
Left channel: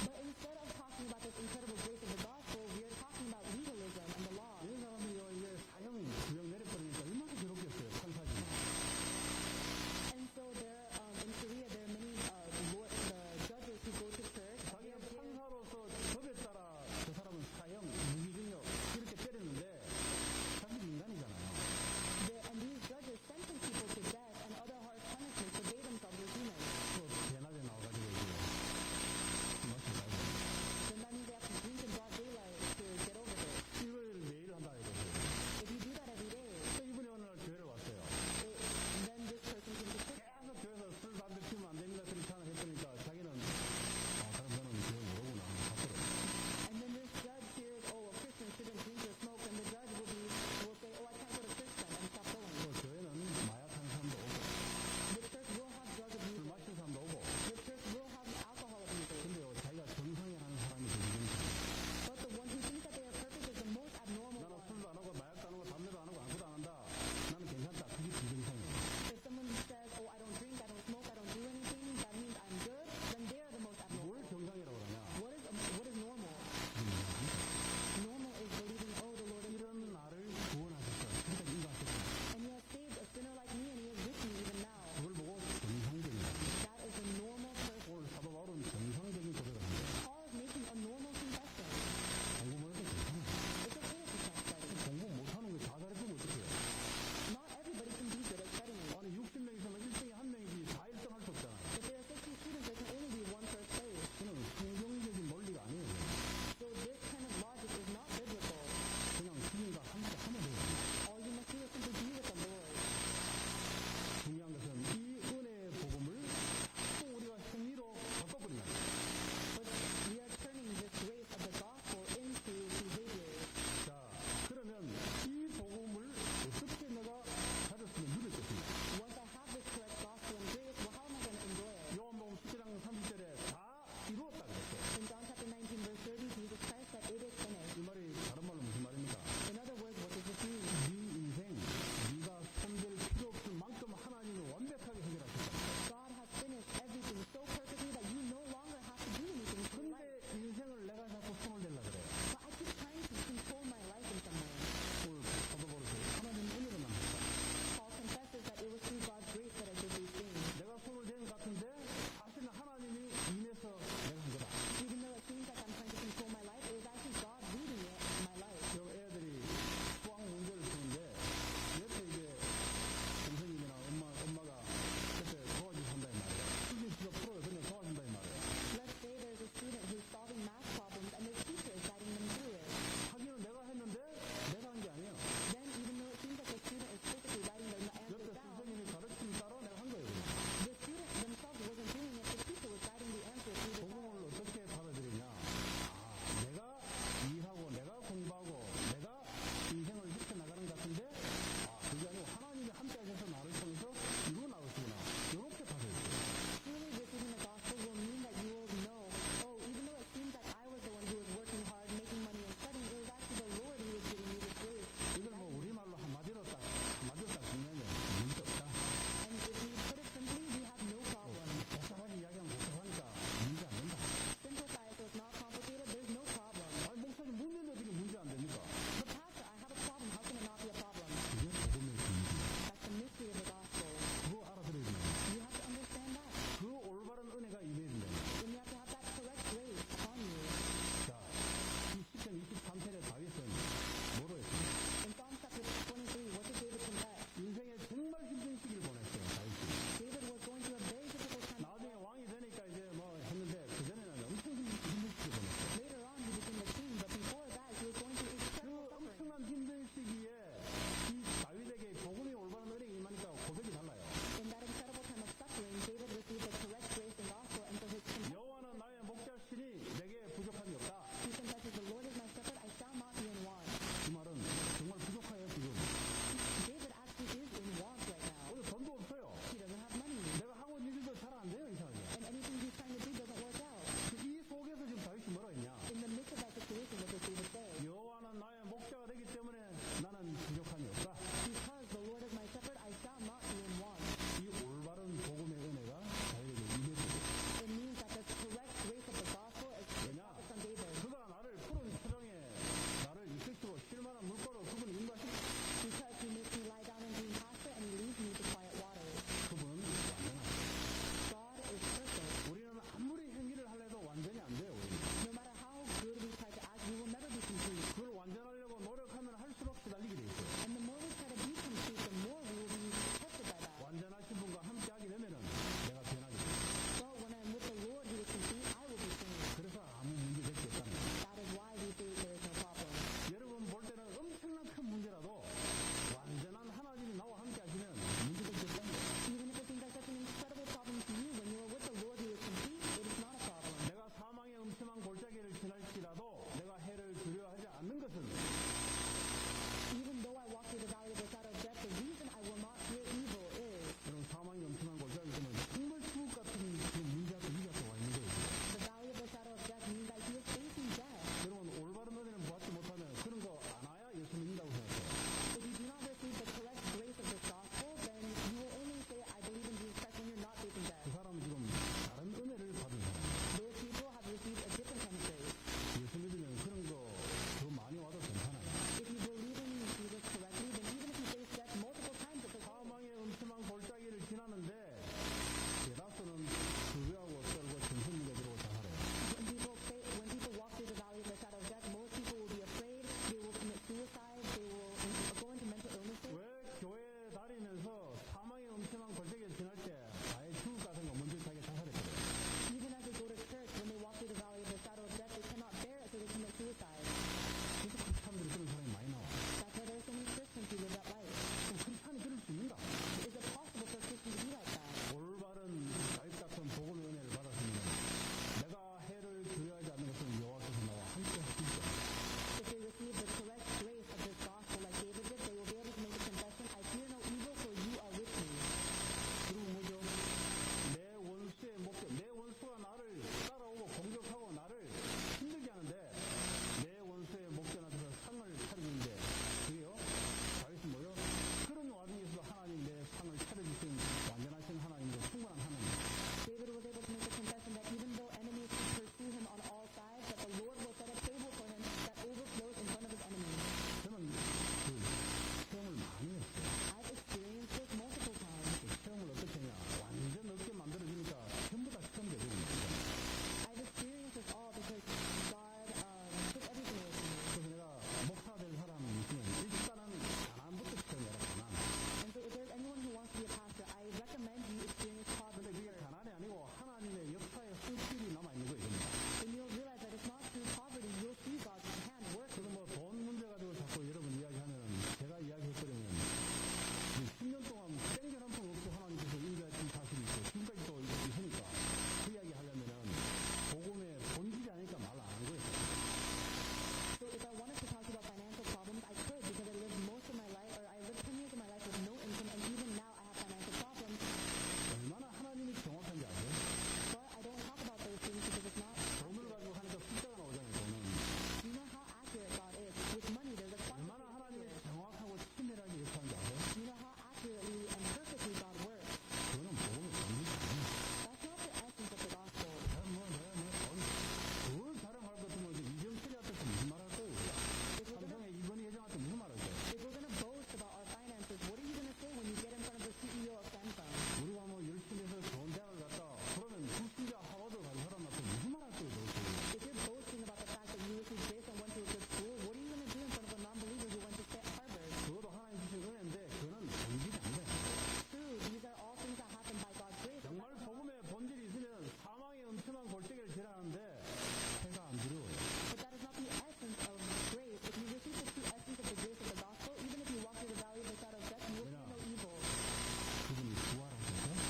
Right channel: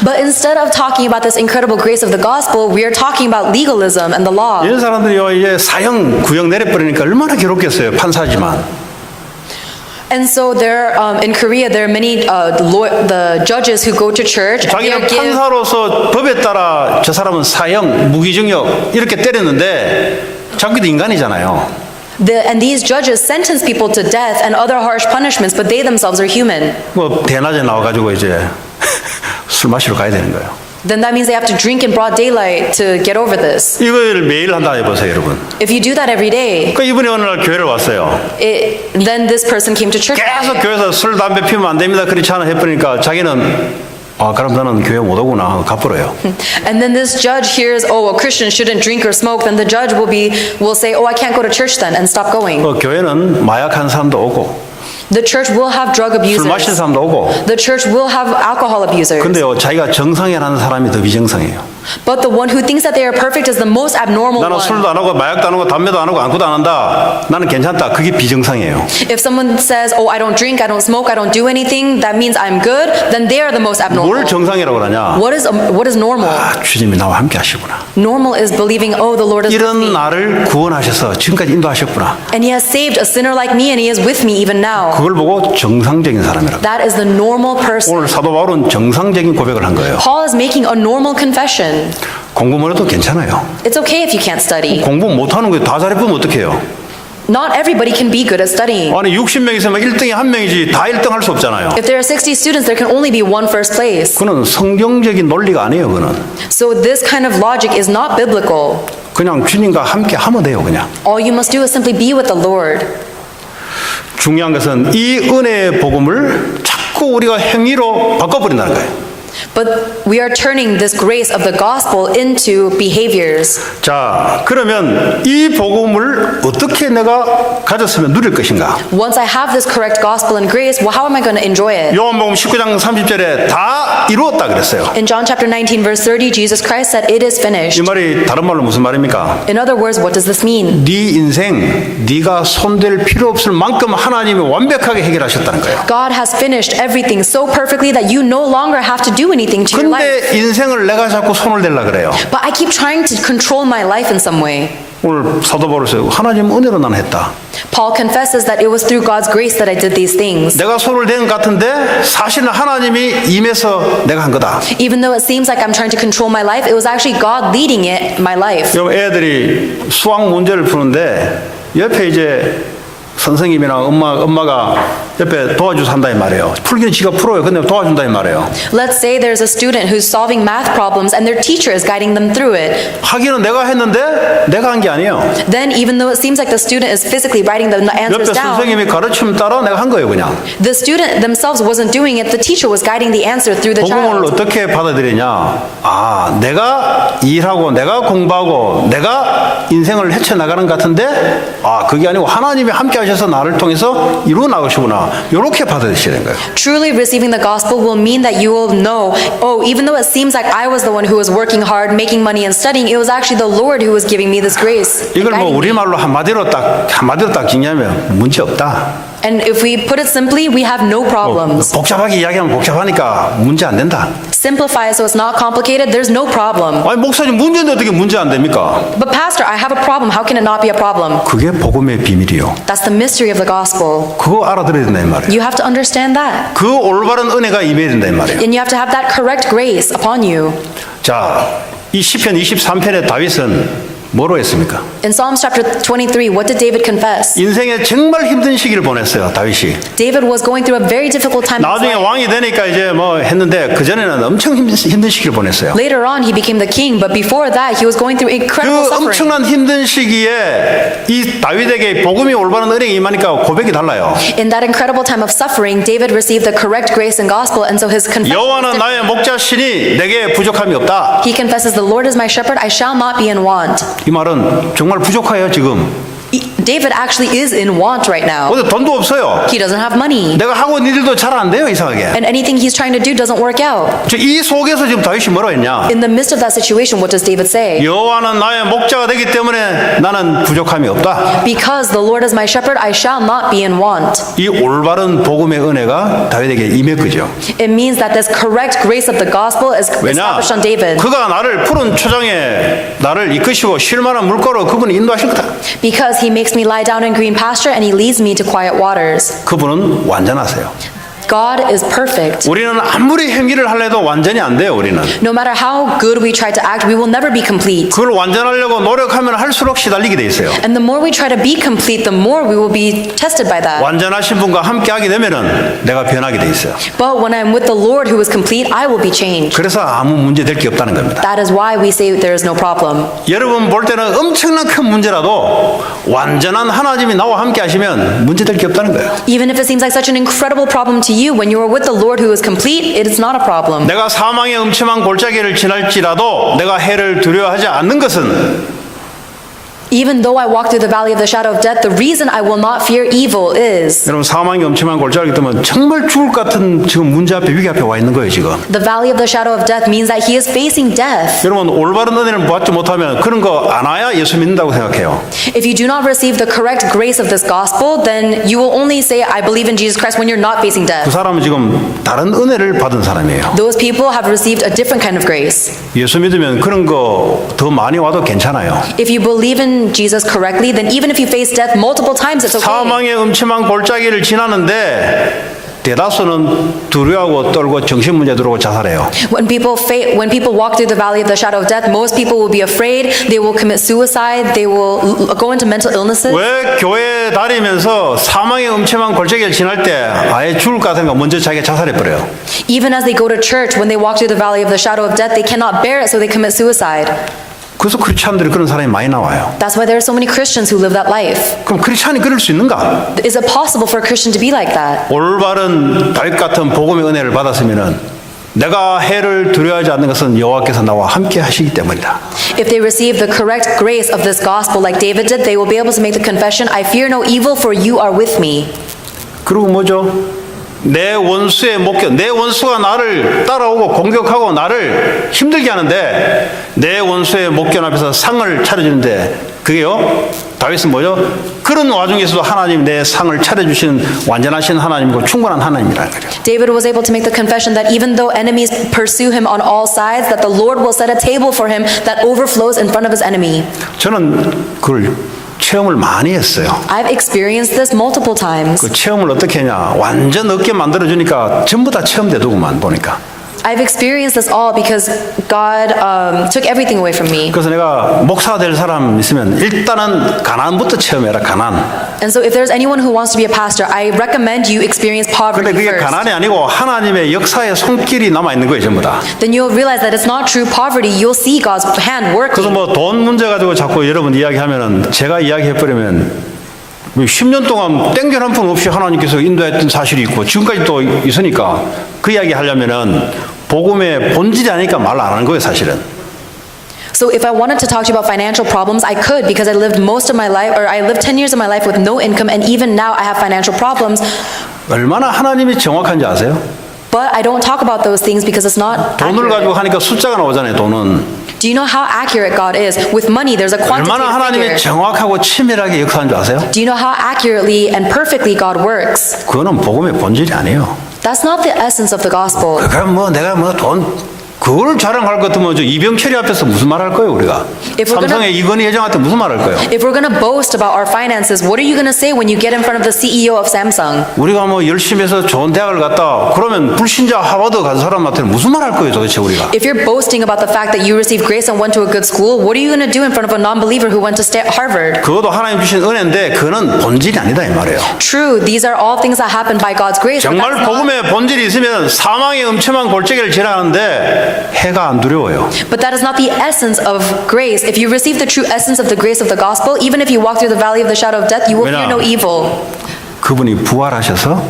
But instead of talking about this incredible grace of the gospel, we are talking about legalism and the law. 이런 사람들이요 이제 사형 구형 내려버리니까 얼마나 괴롭겠어요. 판사지만. And so there, in Korea, there are many the judges who go to church. And 자기는 판사로서 법에 따라 저 사람은 사형, 무기징역 이렇게 때렸는데 자기도 인간이잖아요. And these judges sentence people to death and other harsh punishments, but they themselves are human. 뭐 대낮에 나와가지고 이제 술 마시러 가야 되는 거예요. Then that means they have to drink in broad daylight to get over this. 이걸 매일 한다 해보세요, 여러분. If you do that every day, 그러니까 이분이 어느 날 교회를 왔어요. then this person came to church. 계속 교회에서 술, 담배 피우면 안 됩니다. 그렇지 않아 해버리니까 자기는 아, 그럼 나는 교회 못 오구나. 갚으러요. And then this judge hears, oh, a Christian shouldn't drink or smoke, then the judge will say, oh, I can't go to church then and stop going. 교회는 마약한 사람도 오고 The church will have drug 술 마시는 abusers. 사람도 오고 The church will have alcohol abusers. 근데요 자기가 정상이라는 사람이 더 비정상이에요. But the one who thinks that they are perfect is the most abnormal 나는 one. 술도 안 하고 마약도 안 하고 담배도 안 하고 아무것도 안 한다. 나는 괜찮다. 그게 비정상이에요. If someone says, oh, I don't drink, I don't smoke, I don't do anything, that means I'm good, then they are the most 뭘 abnormal. 정상이라고 그러냐? What is normal? 아, 주님이 나와 함께 하시구나. Normal is believing, oh, the Lord is with 이런 me. 나를 구원하셔서 지금까지 인도하셨구나. And he has saved a sinner like me and he is with me even now. 그걸 보고 정상적인 사람이라고. That is the normal person. 오늘 사도 바울은 정상적인 고백을 한 거예요. Paul is making a normal confession. 공부만 해도 괜찮아요. It's okay if you can't study. 공부 못하는 거 다 잘해보면 어떡해요? Not everybody can be good at studying. 아니 60명 있으면 1등이 한 명이지 다 1등 할 수 없잖아요. If there are 60 students, there can only be one first place. 그는 성경적인 논리가 아니에요. 그는 So this kind of logic is not biblical. 그냥 주님과 함께 하면 돼요. 그냥. All you must do is simply be with the Lord. 중요한 것은 이 은혜의 복음을 자꾸 우리가 행위로 바꿔버린다는 거예요. But we are turning this grace of the gospel into behaviors. 자, 그러면 이 복음을 어떻게 내가 가졌으면 누릴 것인가? Once I have this correct gospel and grace, well, how am I going to enjoy it? 요한복음 19장 30절에 다 이루었다 그랬어요. In John chapter 19, verse 30, Jesus Christ said, it is 이 finished. 말이 다른 말로 무슨 말입니까? In other words, what does this mean? 네 인생 네가 손댈 필요 없을 만큼 하나님이 완벽하게 해결하셨다는 거예요. God has finished everything so perfectly that you no longer have to do anything to your life. 근데 인생을 내가 자꾸 손을 댈라 그래요. But I keep trying to control my life in some way. 오늘 사도 바울에서 하나님 은혜로 나는 했다. Paul confesses that it was through God's grace that I did these things. 내가 손을 댄 것 같은데 사실은 하나님이 임해서 내가 한 거다. Even though it seems like I'm trying to control my life, it was actually God leading it, my life. 여러분 애들이 수학 문제를 푸는데 옆에 이제 선생님이나 엄마가 옆에 도와줘서 한다 이 말이에요. 풀기는 지가 풀어요. 근데 도와준다 이 말이에요. Let's say there's a student who's solving math problems and their teacher is guiding them through it. 하기는 내가 했는데 내가 한 게 아니에요. Then even though it seems like the student is physically writing the 옆에 answers down, 선생님이 가르침 따라 내가 한 거예요 그냥. the student themselves wasn't doing it, the teacher was guiding the answer through the 복음을 child. 어떻게 받아들이냐. 아 내가 일하고 내가 공부하고 내가 인생을 헤쳐나가는 것 같은데 아 그게 아니고 하나님이 함께 하셔서 나를 통해서 이루어 나가시구나. 이렇게 받아들이셔야 되는 거예요. Truly receiving the gospel will mean that you will know, oh, even though it seems like I was the one who was working hard, making money and studying, it was actually the Lord who was giving me this grace. and 이걸 뭐 guiding me. 우리말로 한마디로 딱 정리하면 문제 없다. And if we put it simply, we have no problems. 복잡하게 이야기하면 복잡하니까 문제 안 된다. Simplify it so it's not complicated, there's no problem. 아니 목사님 문제인데 어떻게 문제 안 됩니까? But pastor, I have a problem. How can it not be a problem? 그게 복음의 비밀이요. That's the mystery of the gospel. 그거 알아들어야 된다 이 말이에요. You have to understand that. 그 올바른 은혜가 임해야 된다 이 말이에요. And you have to have that correct grace upon you. 자, 이 시편 23편의 다윗은 뭐로 했습니까? In Psalms chapter 23, what did David confess? 인생에 정말 힘든 시기를 보냈어요, 다윗이. David was going through a very difficult time in his 나중에 life. 왕이 되니까 이제 뭐 했는데 그전에는 엄청 힘든 시기를 보냈어요. Later on, he became the king, but before that, he was going through incredible 그 suffering. 엄청난 힘든 시기에 이 다윗에게 복음이 올바른 은혜가 임하니까 고백이 달라요. In that incredible time of suffering, David received the correct grace and gospel, and so his confession was 여호와는 different. 나의 목자시니 내게 부족함이 없다. He confesses, the Lord is my shepherd, I shall not be in want. 이 말은 정말 부족해요 지금. David actually is in want right now. 근데 돈도 없어요. He doesn't have money. 내가 하고 있는 일도 잘 안 돼요 이상하게. And anything he's trying to do doesn't work out. 이 속에서 지금 다윗이 뭐라 했냐? In the midst of that situation, what does David say? 여호와는 나의 목자가 되기 때문에 나는 부족함이 없다. Because the Lord is my shepherd, I shall not be in want. 이 올바른 복음의 은혜가 다윗에게 임했거죠. It means that this correct grace of the gospel is 왜냐? established on David. 그가 나를 푸른 초장에 나를 이끄시고 쉴만한 물가로 그분이 인도하실 거다. Because he makes me lie down in green pasture and he leads me to quiet waters. 그분은 완전하세요. God is perfect. 우리는 아무리 행위를 하려도 완전히 안 돼요. 우리는. No matter how good we try to act, we will never be complete. 그걸 완전하려고 노력하면 할수록 시달리게 돼 있어요. And the more we try to be complete, the more we will be tested by that. 완전하신 분과 함께하게 되면은 내가 변하게 돼 있어요. But when I'm with the Lord who is complete, I will be changed. 그래서 아무 문제 될 게 없다는 겁니다. That is why we say there is no problem. 여러분 볼 때는 엄청난 큰 문제라도 완전한 하나님이 나와 함께 하시면 문제 될 게 없다는 거예요. Even if it seems like such an incredible problem to you, when you are with the Lord who is complete, it is not a problem. 내가 사망의 음침한 골짜기를 지날지라도 내가 해를 두려워하지 않는 것은 Even though I walk through the valley of the shadow of death, the reason I will not fear evil is 여러분 사망의 음침한 골짜기 때문에 정말 죽을 것 같은 지금 문제 앞에 위기 앞에 와 있는 거예요 지금. the valley of the shadow of death means that he is facing death. 여러분 올바른 은혜를 받지 못하면 그런 거 안 와야 예수 믿는다고 생각해요. If you do not receive the correct grace of this gospel, then you will only say, I believe in Jesus Christ when you're not facing 그 death. 사람은 지금 다른 은혜를 받은 사람이에요. Those people have received a different kind of grace. 예수 믿으면 그런 거 더 많이 와도 괜찮아요. If you believe in Jesus correctly, then even if you face death multiple times, it's okay. 사망의 음침한 골짜기를 지나는데 대다수는 두려워하고 떨고 정신 문제 들어오고 자살해요. When people walk through the valley of the shadow of death, most people will be afraid. They will commit suicide. They will go into mental illnesses. 왜 교회 다니면서 사망의 음침한 골짜기를 지날 때 아예 죽을 것 같으니까 먼저 자기가 자살해 버려요. Even as they go to church, when they walk through the valley of the shadow of death, they cannot bear it, so they commit suicide. 그래서 크리스찬들이 그런 사람이 많이 나와요. That's why there are so many Christians who live that life. 그럼 크리스찬이 그럴 수 있는가? Is it possible for a Christian to be like that? 올바른 다윗 같은 복음의 은혜를 받았으면은 내가 해를 두려워하지 않는 것은 여호와께서 나와 함께 하시기 때문이다. If they receive the correct grace of this gospel like David did, they will be able to make the confession, I fear no evil, for you are with me. 그리고 뭐죠? 내 원수의 목견, 내 원수가 나를 따라오고 공격하고 나를 힘들게 하는데 내 원수의 목견 앞에서 상을 차려주는데 그게요? 다윗은 뭐죠? 그런 와중에서도 하나님 내 상을 차려주시는 완전하신 하나님이고 충분한 하나님이라는 거죠. David was able to make the confession that even though enemies pursue him on all sides, that the Lord will set a table for him that overflows in front of his enemy. 저는 그걸 체험을 많이 했어요. I've experienced this multiple times. 그 체험을 어떻게 하냐? 완전 얻게 만들어주니까 전부 다 체험되더구만 보니까. I've experienced this all because God took everything away from me. 그래서 내가 목사 될 사람 있으면 일단은 가난부터 체험해라. 가난. And so if there's anyone who wants to be a pastor, I recommend you experience 근데 poverty 그게 first. 가난이 아니고 하나님의 역사의 손길이 남아 있는 거예요, 전부 다. Then you'll realize that it's not true poverty. You'll see God's hand 그래서 working. 뭐 돈 문제 가지고 자꾸 여러분 이야기하면은 제가 이야기해버리면 10년 동안 땡전 한 푼 없이 하나님께서 인도했던 사실이 있고 지금까지 또 있으니까 그 이야기 하려면은 복음의 본질이 아니니까 말 안 하는 거예요, 사실은. So if I wanted to talk to you about financial problems, I could because I lived most of my life, or I lived 10 years of my life with no income, and even now I have financial problems. 얼마나 하나님이 정확한지 아세요? But I don't talk about those things because it's not 돈을 가지고 accurate. 하니까 숫자가 나오잖아요, 돈은. Do you know how accurate God is? With money, there's a 얼마나 quantitative 하나님이 figure. 정확하고 치밀하게 역사하는 줄 아세요? Do you know how accurately and perfectly God works? 그거는 복음의 본질이 아니에요. That's not the essence of the gospel. 그럼 뭐 내가 뭐 돈 그걸 자랑할 것 같으면 저 이병철이 앞에서 무슨 말 할 거예요 우리가? If we're 삼성의 이건희 회장한테 무슨 말 할 거예요? If we're going to boast about our finances, what are you going to say when you get in front of the CEO of Samsung? 우리가 뭐 열심히 해서 좋은 대학을 갔다 그러면 불신자 하버드 간 사람한테는 무슨 말 할 거예요 도대체 우리가? If you're boasting about the fact that you received grace and went to a good school, what are you going to do in front of a non-believer who went to Harvard? 그것도 하나님 주신 은혜인데 그거는 본질이 아니다 이 말이에요. True, these are all things that happened by God's grace. But 정말 that's not, 복음의 본질이 있으면 사망의 음침한 골짜기를 지나는데 해가 안 두려워요. but that is not the essence of grace. If you receive the true essence of the grace of the gospel, even if you walk through the valley of the shadow of death, you will fear no evil. 그분이 부활하셔서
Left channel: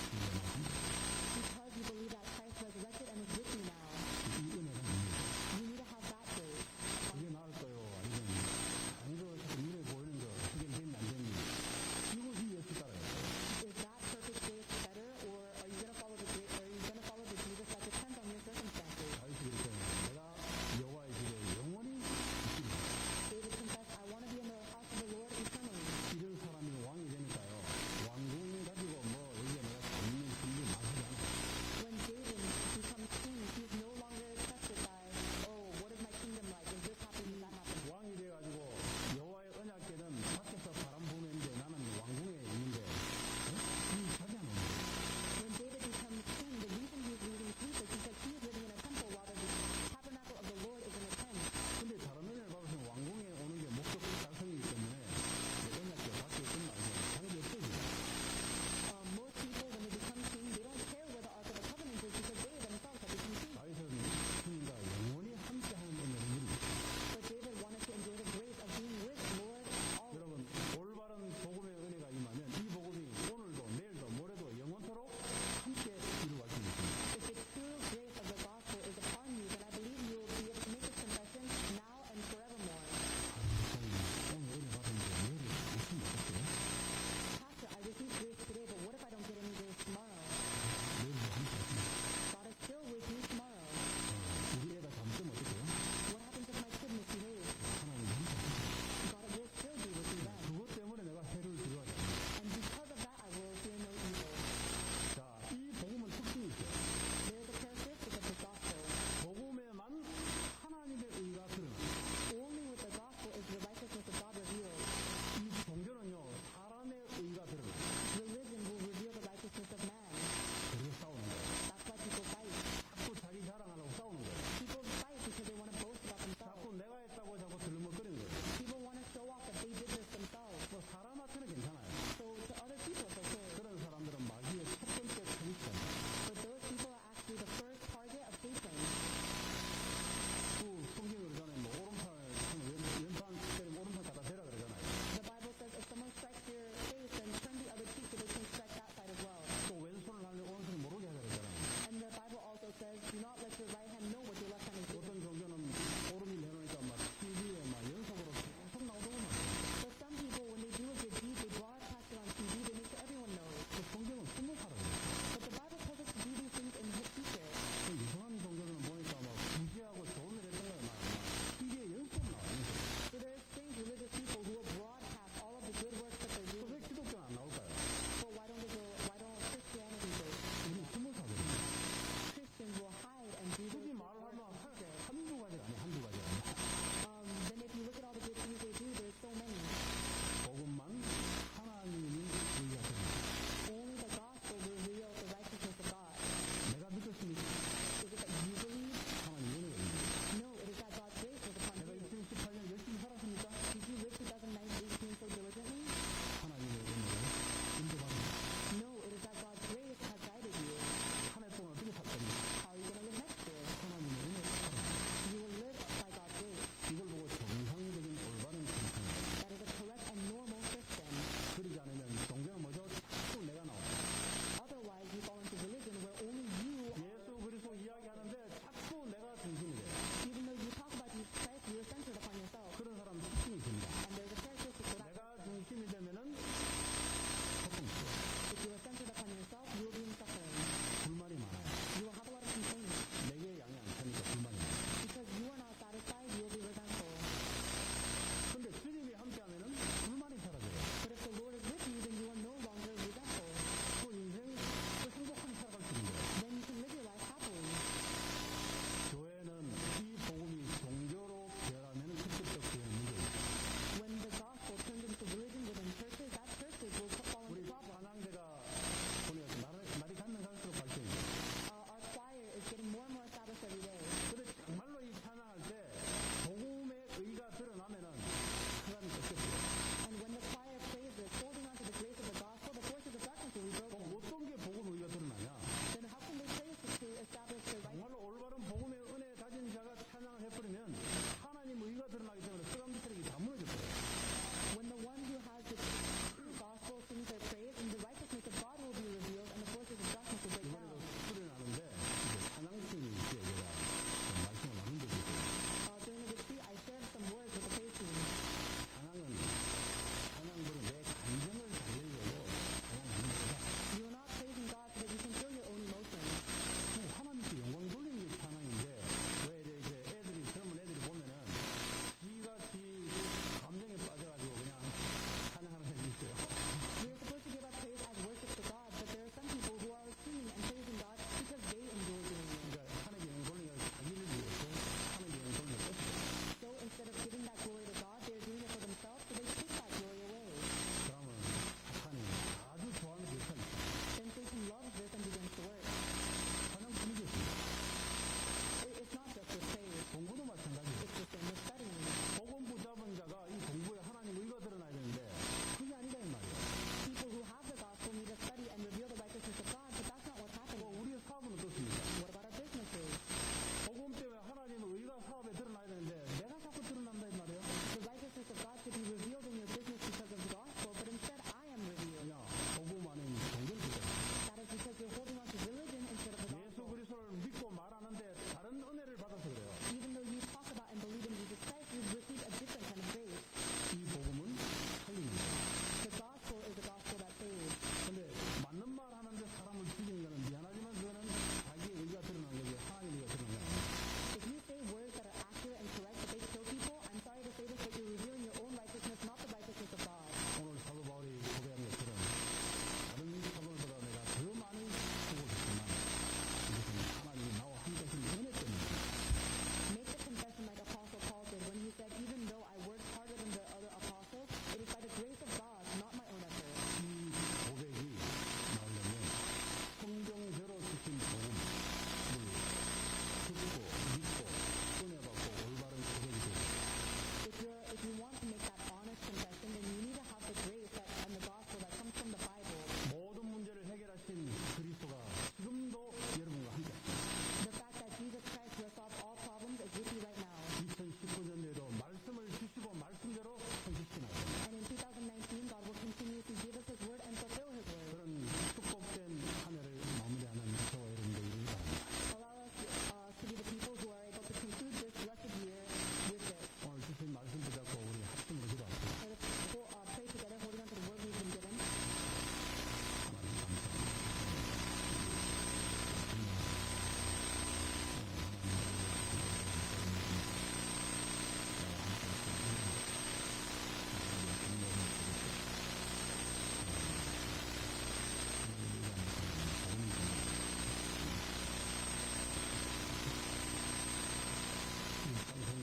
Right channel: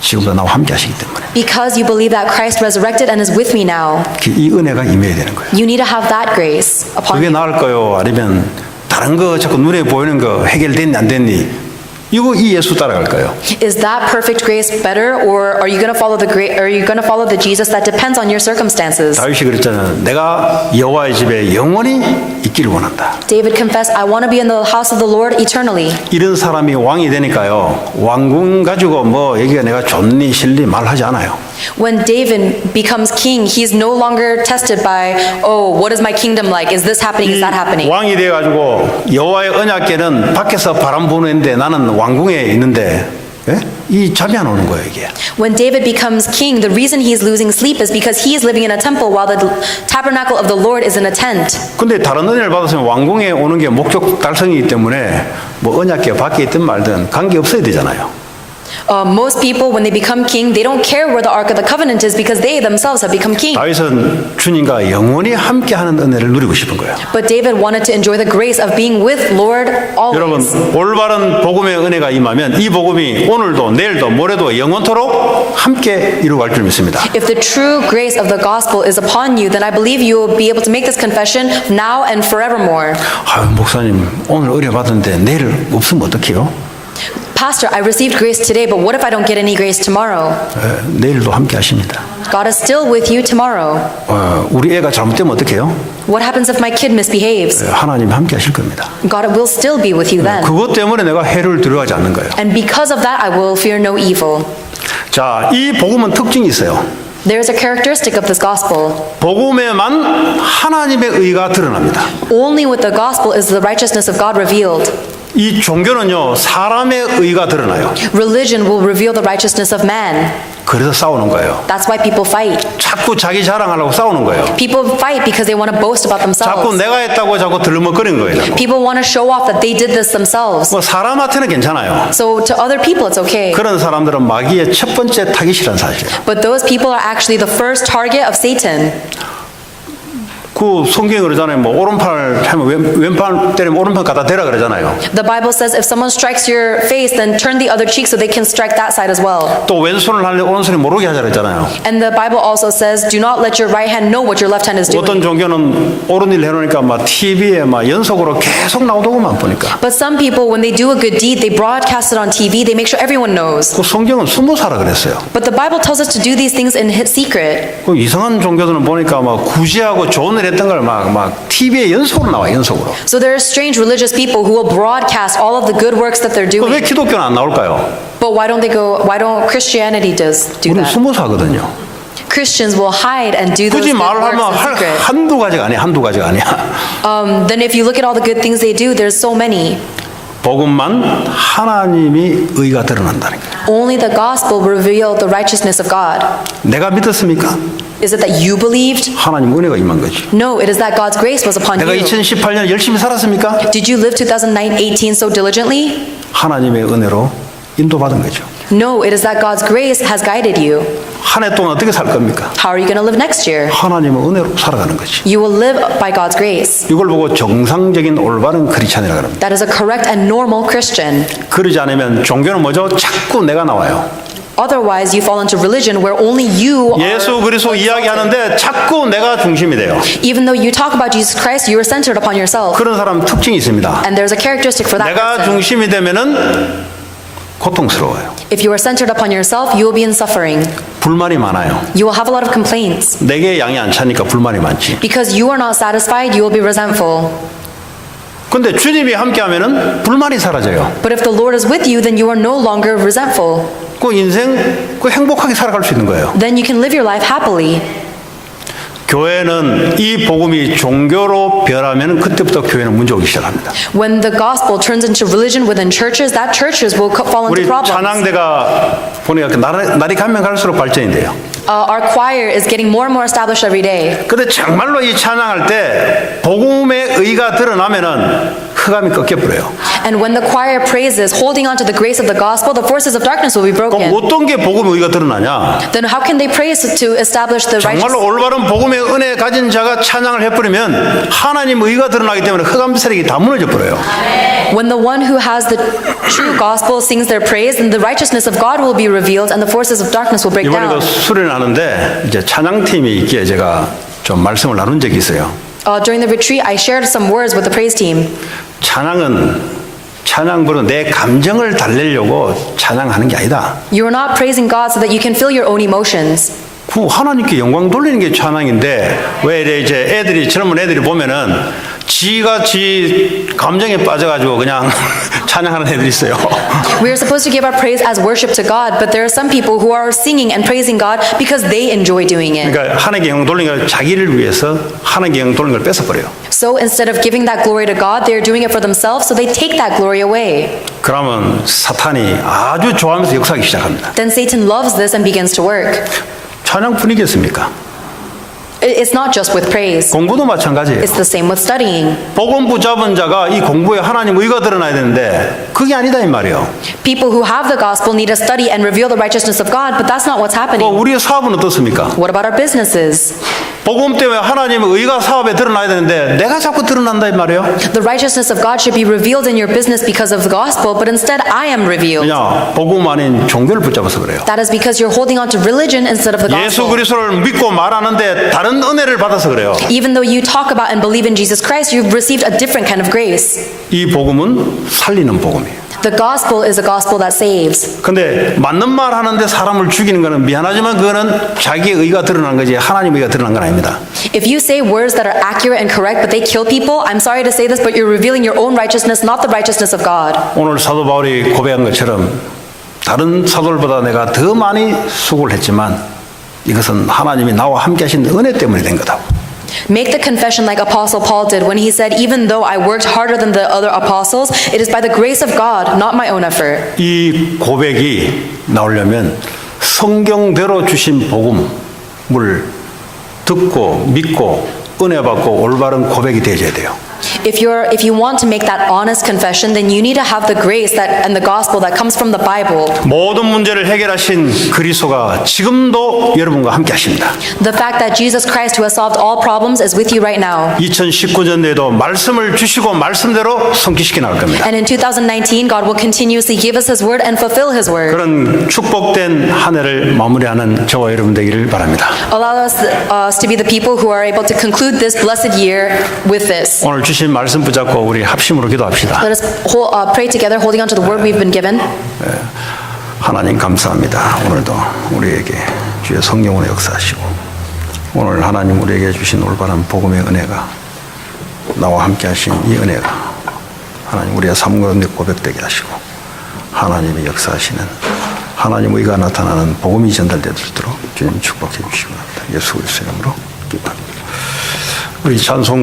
지금도 나와 함께 하시기 때문에 Because you believe that Christ resurrected and is with me now. 이 은혜가 임해야 되는 거예요. You need to have that grace upon 그게 you. 나을까요? 아니면 다른 거 자꾸 눈에 보이는 거 해결됐니 안 됐니? 이거 이 예수 따라갈까요? Is that perfect grace better, or are you going to follow the Jesus that depends on your circumstances? 다윗이 그랬잖아요. 내가 여호와의 집에 영원히 있기를 원한다. David confessed, I want to be in the house of the Lord eternally. 이런 사람이 왕이 되니까요. 왕궁 가지고 뭐 여기가 내가 좋니 싫니 말하지 않아요. When David becomes king, he's no longer tested by, oh, what is my kingdom like? Is this happening? Is that happening? 왕이 돼가지고 여호와의 언약궤는 밖에서 바람 부는데 나는 왕궁에 있는데 예? 이 잠이 안 오는 거예요 이게. When David becomes king, the reason he's losing sleep is because he is living in a temple while the tabernacle of the Lord is in a tent. 근데 다른 은혜를 받았으면 왕궁에 오는 게 목적 달성이기 때문에 뭐 언약궤 밖에 있든 말든 관계 없어야 되잖아요. Most people, when they become king, they don't care where the Ark of the Covenant is because they themselves have become king. 다윗은 주님과 영원히 함께하는 은혜를 누리고 싶은 거예요. But David wanted to enjoy the grace of being with Lord 여러분, always. 올바른 복음의 은혜가 임하면 이 복음이 오늘도 내일도 모레도 영원토록 함께 이루어갈 줄 믿습니다. If the true grace of the gospel is upon you, then I believe you will be able to make this confession now and forevermore. 아유, 목사님 오늘 의뢰 받았는데 내일 없으면 어떡해요? Pastor, I received grace today, but what if I don't get any grace tomorrow? 내일도 함께 하십니다. God is still with you tomorrow. 우리 애가 잘못되면 어떡해요? What happens if my kid misbehaves? 하나님 함께 하실 겁니다. God will still be with you then. 그것 때문에 내가 해를 두려워하지 않는 거예요. And because of that, I will fear no evil. 자, 이 복음은 특징이 있어요. There's a characteristic of this gospel. 복음에만 하나님의 의가 드러납니다. Only with the gospel is the righteousness of God revealed. 이 종교는요, 사람의 의가 드러나요. Religion will reveal the righteousness of man. 그래서 싸우는 거예요. That's why people fight. 자꾸 자기 자랑하려고 싸우는 거예요. People fight because they want to boast about 자꾸 themselves. 내가 했다고 자꾸 들먹거리는 거예요. 자꾸. People want to show off that they did this themselves. 뭐 사람한테는 괜찮아요. So to other people, it's okay. 그런 사람들은 마귀의 첫 번째 타깃이라는 사실이에요. But those people are actually the first target of Satan. 그 성경에 그러잖아요. 뭐 오른팔 하면 왼팔 때리면 오른팔 갖다 대라 그러잖아요. The Bible says if someone strikes your face, then turn the other cheek so they can strike that side as well. 또 왼손을 하려 오른손이 모르게 하자 그랬잖아요. And the Bible also says, do not let your right hand know what your left hand is 어떤 doing. 종교는 옳은 일 해놓으니까 막 TV에 막 연속으로 계속 나오더구만 보니까. But some people, when they do a good deed, they broadcast it on TV. They make sure everyone knows. 그 성경은 숨어사라 그랬어요. But the Bible tells us to do these things in secret. 그 이상한 종교들은 보니까 막 구제하고 좋은 일 했던 걸 막 TV에 연속으로 나와 연속으로. So there are strange religious people who will broadcast all of the good works that they're 왜 doing. 기독교는 안 나올까요? But why don't Christianity do 우리는 that? 숨어사거든요. Christians will hide and do those 굳이 good 말을 works 하면 in secret. 한두 가지가 아니야. 한두 가지가 아니야. Then if you look at all the good things they do, there's so many. 복음만 하나님이 의가 드러난다는 거예요. Only the gospel will reveal the righteousness of God. 내가 믿었습니까? Is it that you believed? 하나님 은혜가 임한 거지. No, it is that God's grace was upon 내가 you. 2018년 열심히 살았습니까? Did you live 2018 so diligently? 하나님의 은혜로 인도받은 거죠. No, it is that God's grace has guided you. 한 해 동안 어떻게 살 겁니까? How are you going to live next year? 하나님의 은혜로 살아가는 거지. You will live by God's grace. 이걸 보고 정상적인 올바른 크리스찬이라고 합니다. That is a correct and normal Christian. 그러지 않으면 종교는 뭐죠? 자꾸 내가 나와요. Otherwise, you fall into religion where only you are. 예수 그리스도 이야기하는데 자꾸 내가 중심이 돼요. Even though you talk about Jesus Christ, you are centered upon yourself. 그런 사람 특징이 있습니다. And there's a characteristic for that 내가 person. 중심이 되면은 고통스러워요. If you are centered upon yourself, you will be in suffering. 불만이 많아요. You will have a lot of complaints. 내게 양이 안 차니까 불만이 많지. Because you are not satisfied, you will be resentful. 근데 주님이 함께하면은 불만이 사라져요. But if the Lord is with you, then you are no longer resentful. 그 인생 그 행복하게 살아갈 수 있는 거예요. Then you can live your life happily. 교회는 이 복음이 종교로 변하면 그때부터 교회는 문제 오기 시작합니다. When the gospel turns into religion within churches, that churches will fall into 우리 problems. 찬양대가 보니까 날이 가면 갈수록 발전이 돼요. Our choir is getting more and more established every day. 근데 정말로 이 찬양할 때 복음의 의가 드러나면은 흑암이 꺾여버려요. And when the choir praises, holding on to the grace of the gospel, the forces of darkness will be 그럼 broken. 어떤 게 복음의 의가 드러나냐? Then how can they praise to establish the righteous? 정말로 올바른 복음의 은혜 가진 자가 찬양을 해버리면 하나님 의가 드러나기 때문에 흑암 세력이 다 무너져 버려요. When the one who has the true gospel sings their praise, then the righteousness of God will be revealed and the forces of darkness will break 이번에도 down. 수련을 하는데 이제 찬양팀이 있기에 제가 좀 말씀을 나눈 적이 있어요. During the retreat, I shared some words with the praise team. 찬양 부르는 내 감정을 달래려고 찬양하는 게 아니다. You are not praising God so that you can feel your own emotions. 그 하나님께 영광 돌리는 게 찬양인데 왜 이제 애들이 젊은 애들이 보면은 지가 지 감정에 빠져가지고 그냥 찬양하는 애들이 있어요. We are supposed to give our praise as worship to God, but there are some people who are singing and praising God because they enjoy doing it. 그러니까 하나님께 영광 돌리는 걸 자기를 위해서 하나님께 영광 돌리는 걸 뺏어버려요. So instead of giving that glory to God, they are doing it for themselves, so they take that glory away. 그러면 사탄이 아주 좋아하면서 역사하기 시작합니다. Then Satan loves this and begins to work. 찬양 분위기였습니까? It's not just with praise. 공부도 마찬가지예요. It's the same with studying. 복음 붙잡은 자가 이 공부에 하나님 의가 드러나야 되는데 그게 아니다 이 말이에요. People who have the gospel need to study and reveal the righteousness of God, but that's not what's happening. 우리의 사업은 어떻습니까? What about our businesses? 복음 때문에 하나님의 의가 사업에 드러나야 되는데 내가 자꾸 드러난다 이 말이에요. The righteousness of God should be revealed in your business because of the gospel, but instead I am revealed. 그냥 복음 아닌 종교를 붙잡아서 그래요. That is because you're holding on to religion instead of the 예수 gospel. 그리스도를 믿고 말하는데 다른 은혜를 받아서 그래요. Even though you talk about and believe in Jesus Christ, you've received a different kind of grace. 이 복음은 살리는 복음이에요. The gospel is a gospel that saves. 근데 맞는 말 하는데 사람을 죽이는 거는 미안하지만 그거는 자기의 의가 드러난 거지 하나님의 의가 드러난 건 아닙니다. If you say words that are accurate and correct, but they kill people, I'm sorry to say this, but you're revealing your own righteousness, not the righteousness of God. 오늘 사도 바울이 고백한 것처럼 다른 사도들보다 내가 더 많이 수고를 했지만 이것은 하나님이 나와 함께 하신 은혜 때문에 된 거다. Make the confession like Apostle Paul did when he said, even though I worked harder than the other apostles, it is by the grace of God, not my own effort. 이 고백이 나오려면 성경대로 주신 복음을 듣고 믿고 은혜 받고 올바른 고백이 되어야 돼요. If you want to make that honest confession, then you need to have the grace that and the gospel that comes from the Bible. 모든 문제를 해결하신 그리스도가 지금도 여러분과 함께 하십니다. The fact that Jesus Christ, who has solved all problems, is with you right now. 2019년에도 말씀을 주시고 말씀대로 성취시켜 나갈 겁니다. And in 2019, God will continuously give us His word and fulfill His word. 그런 축복된 한 해를 마무리하는 저와 여러분 되기를 바랍니다. Allow us to be the people who are able to conclude this blessed year with this. 오늘 주신 말씀 붙잡고 우리 합심으로 기도합시다. Let us pray together, holding on to the word we've been given. 하나님 감사합니다. 오늘도 우리에게 주의 성령으로 역사하시고 오늘 하나님 우리에게 주신 올바른 복음의 은혜가 나와 함께 하신 이 은혜가 하나님 우리의 삶 가운데 고백되게 하시고 하나님의 역사하시는 하나님 의가 나타나는 복음이 전달되도록 주님 축복해 주시기 바랍니다. 예수 그리스도의 이름으로 기도합니다. 우리 찬송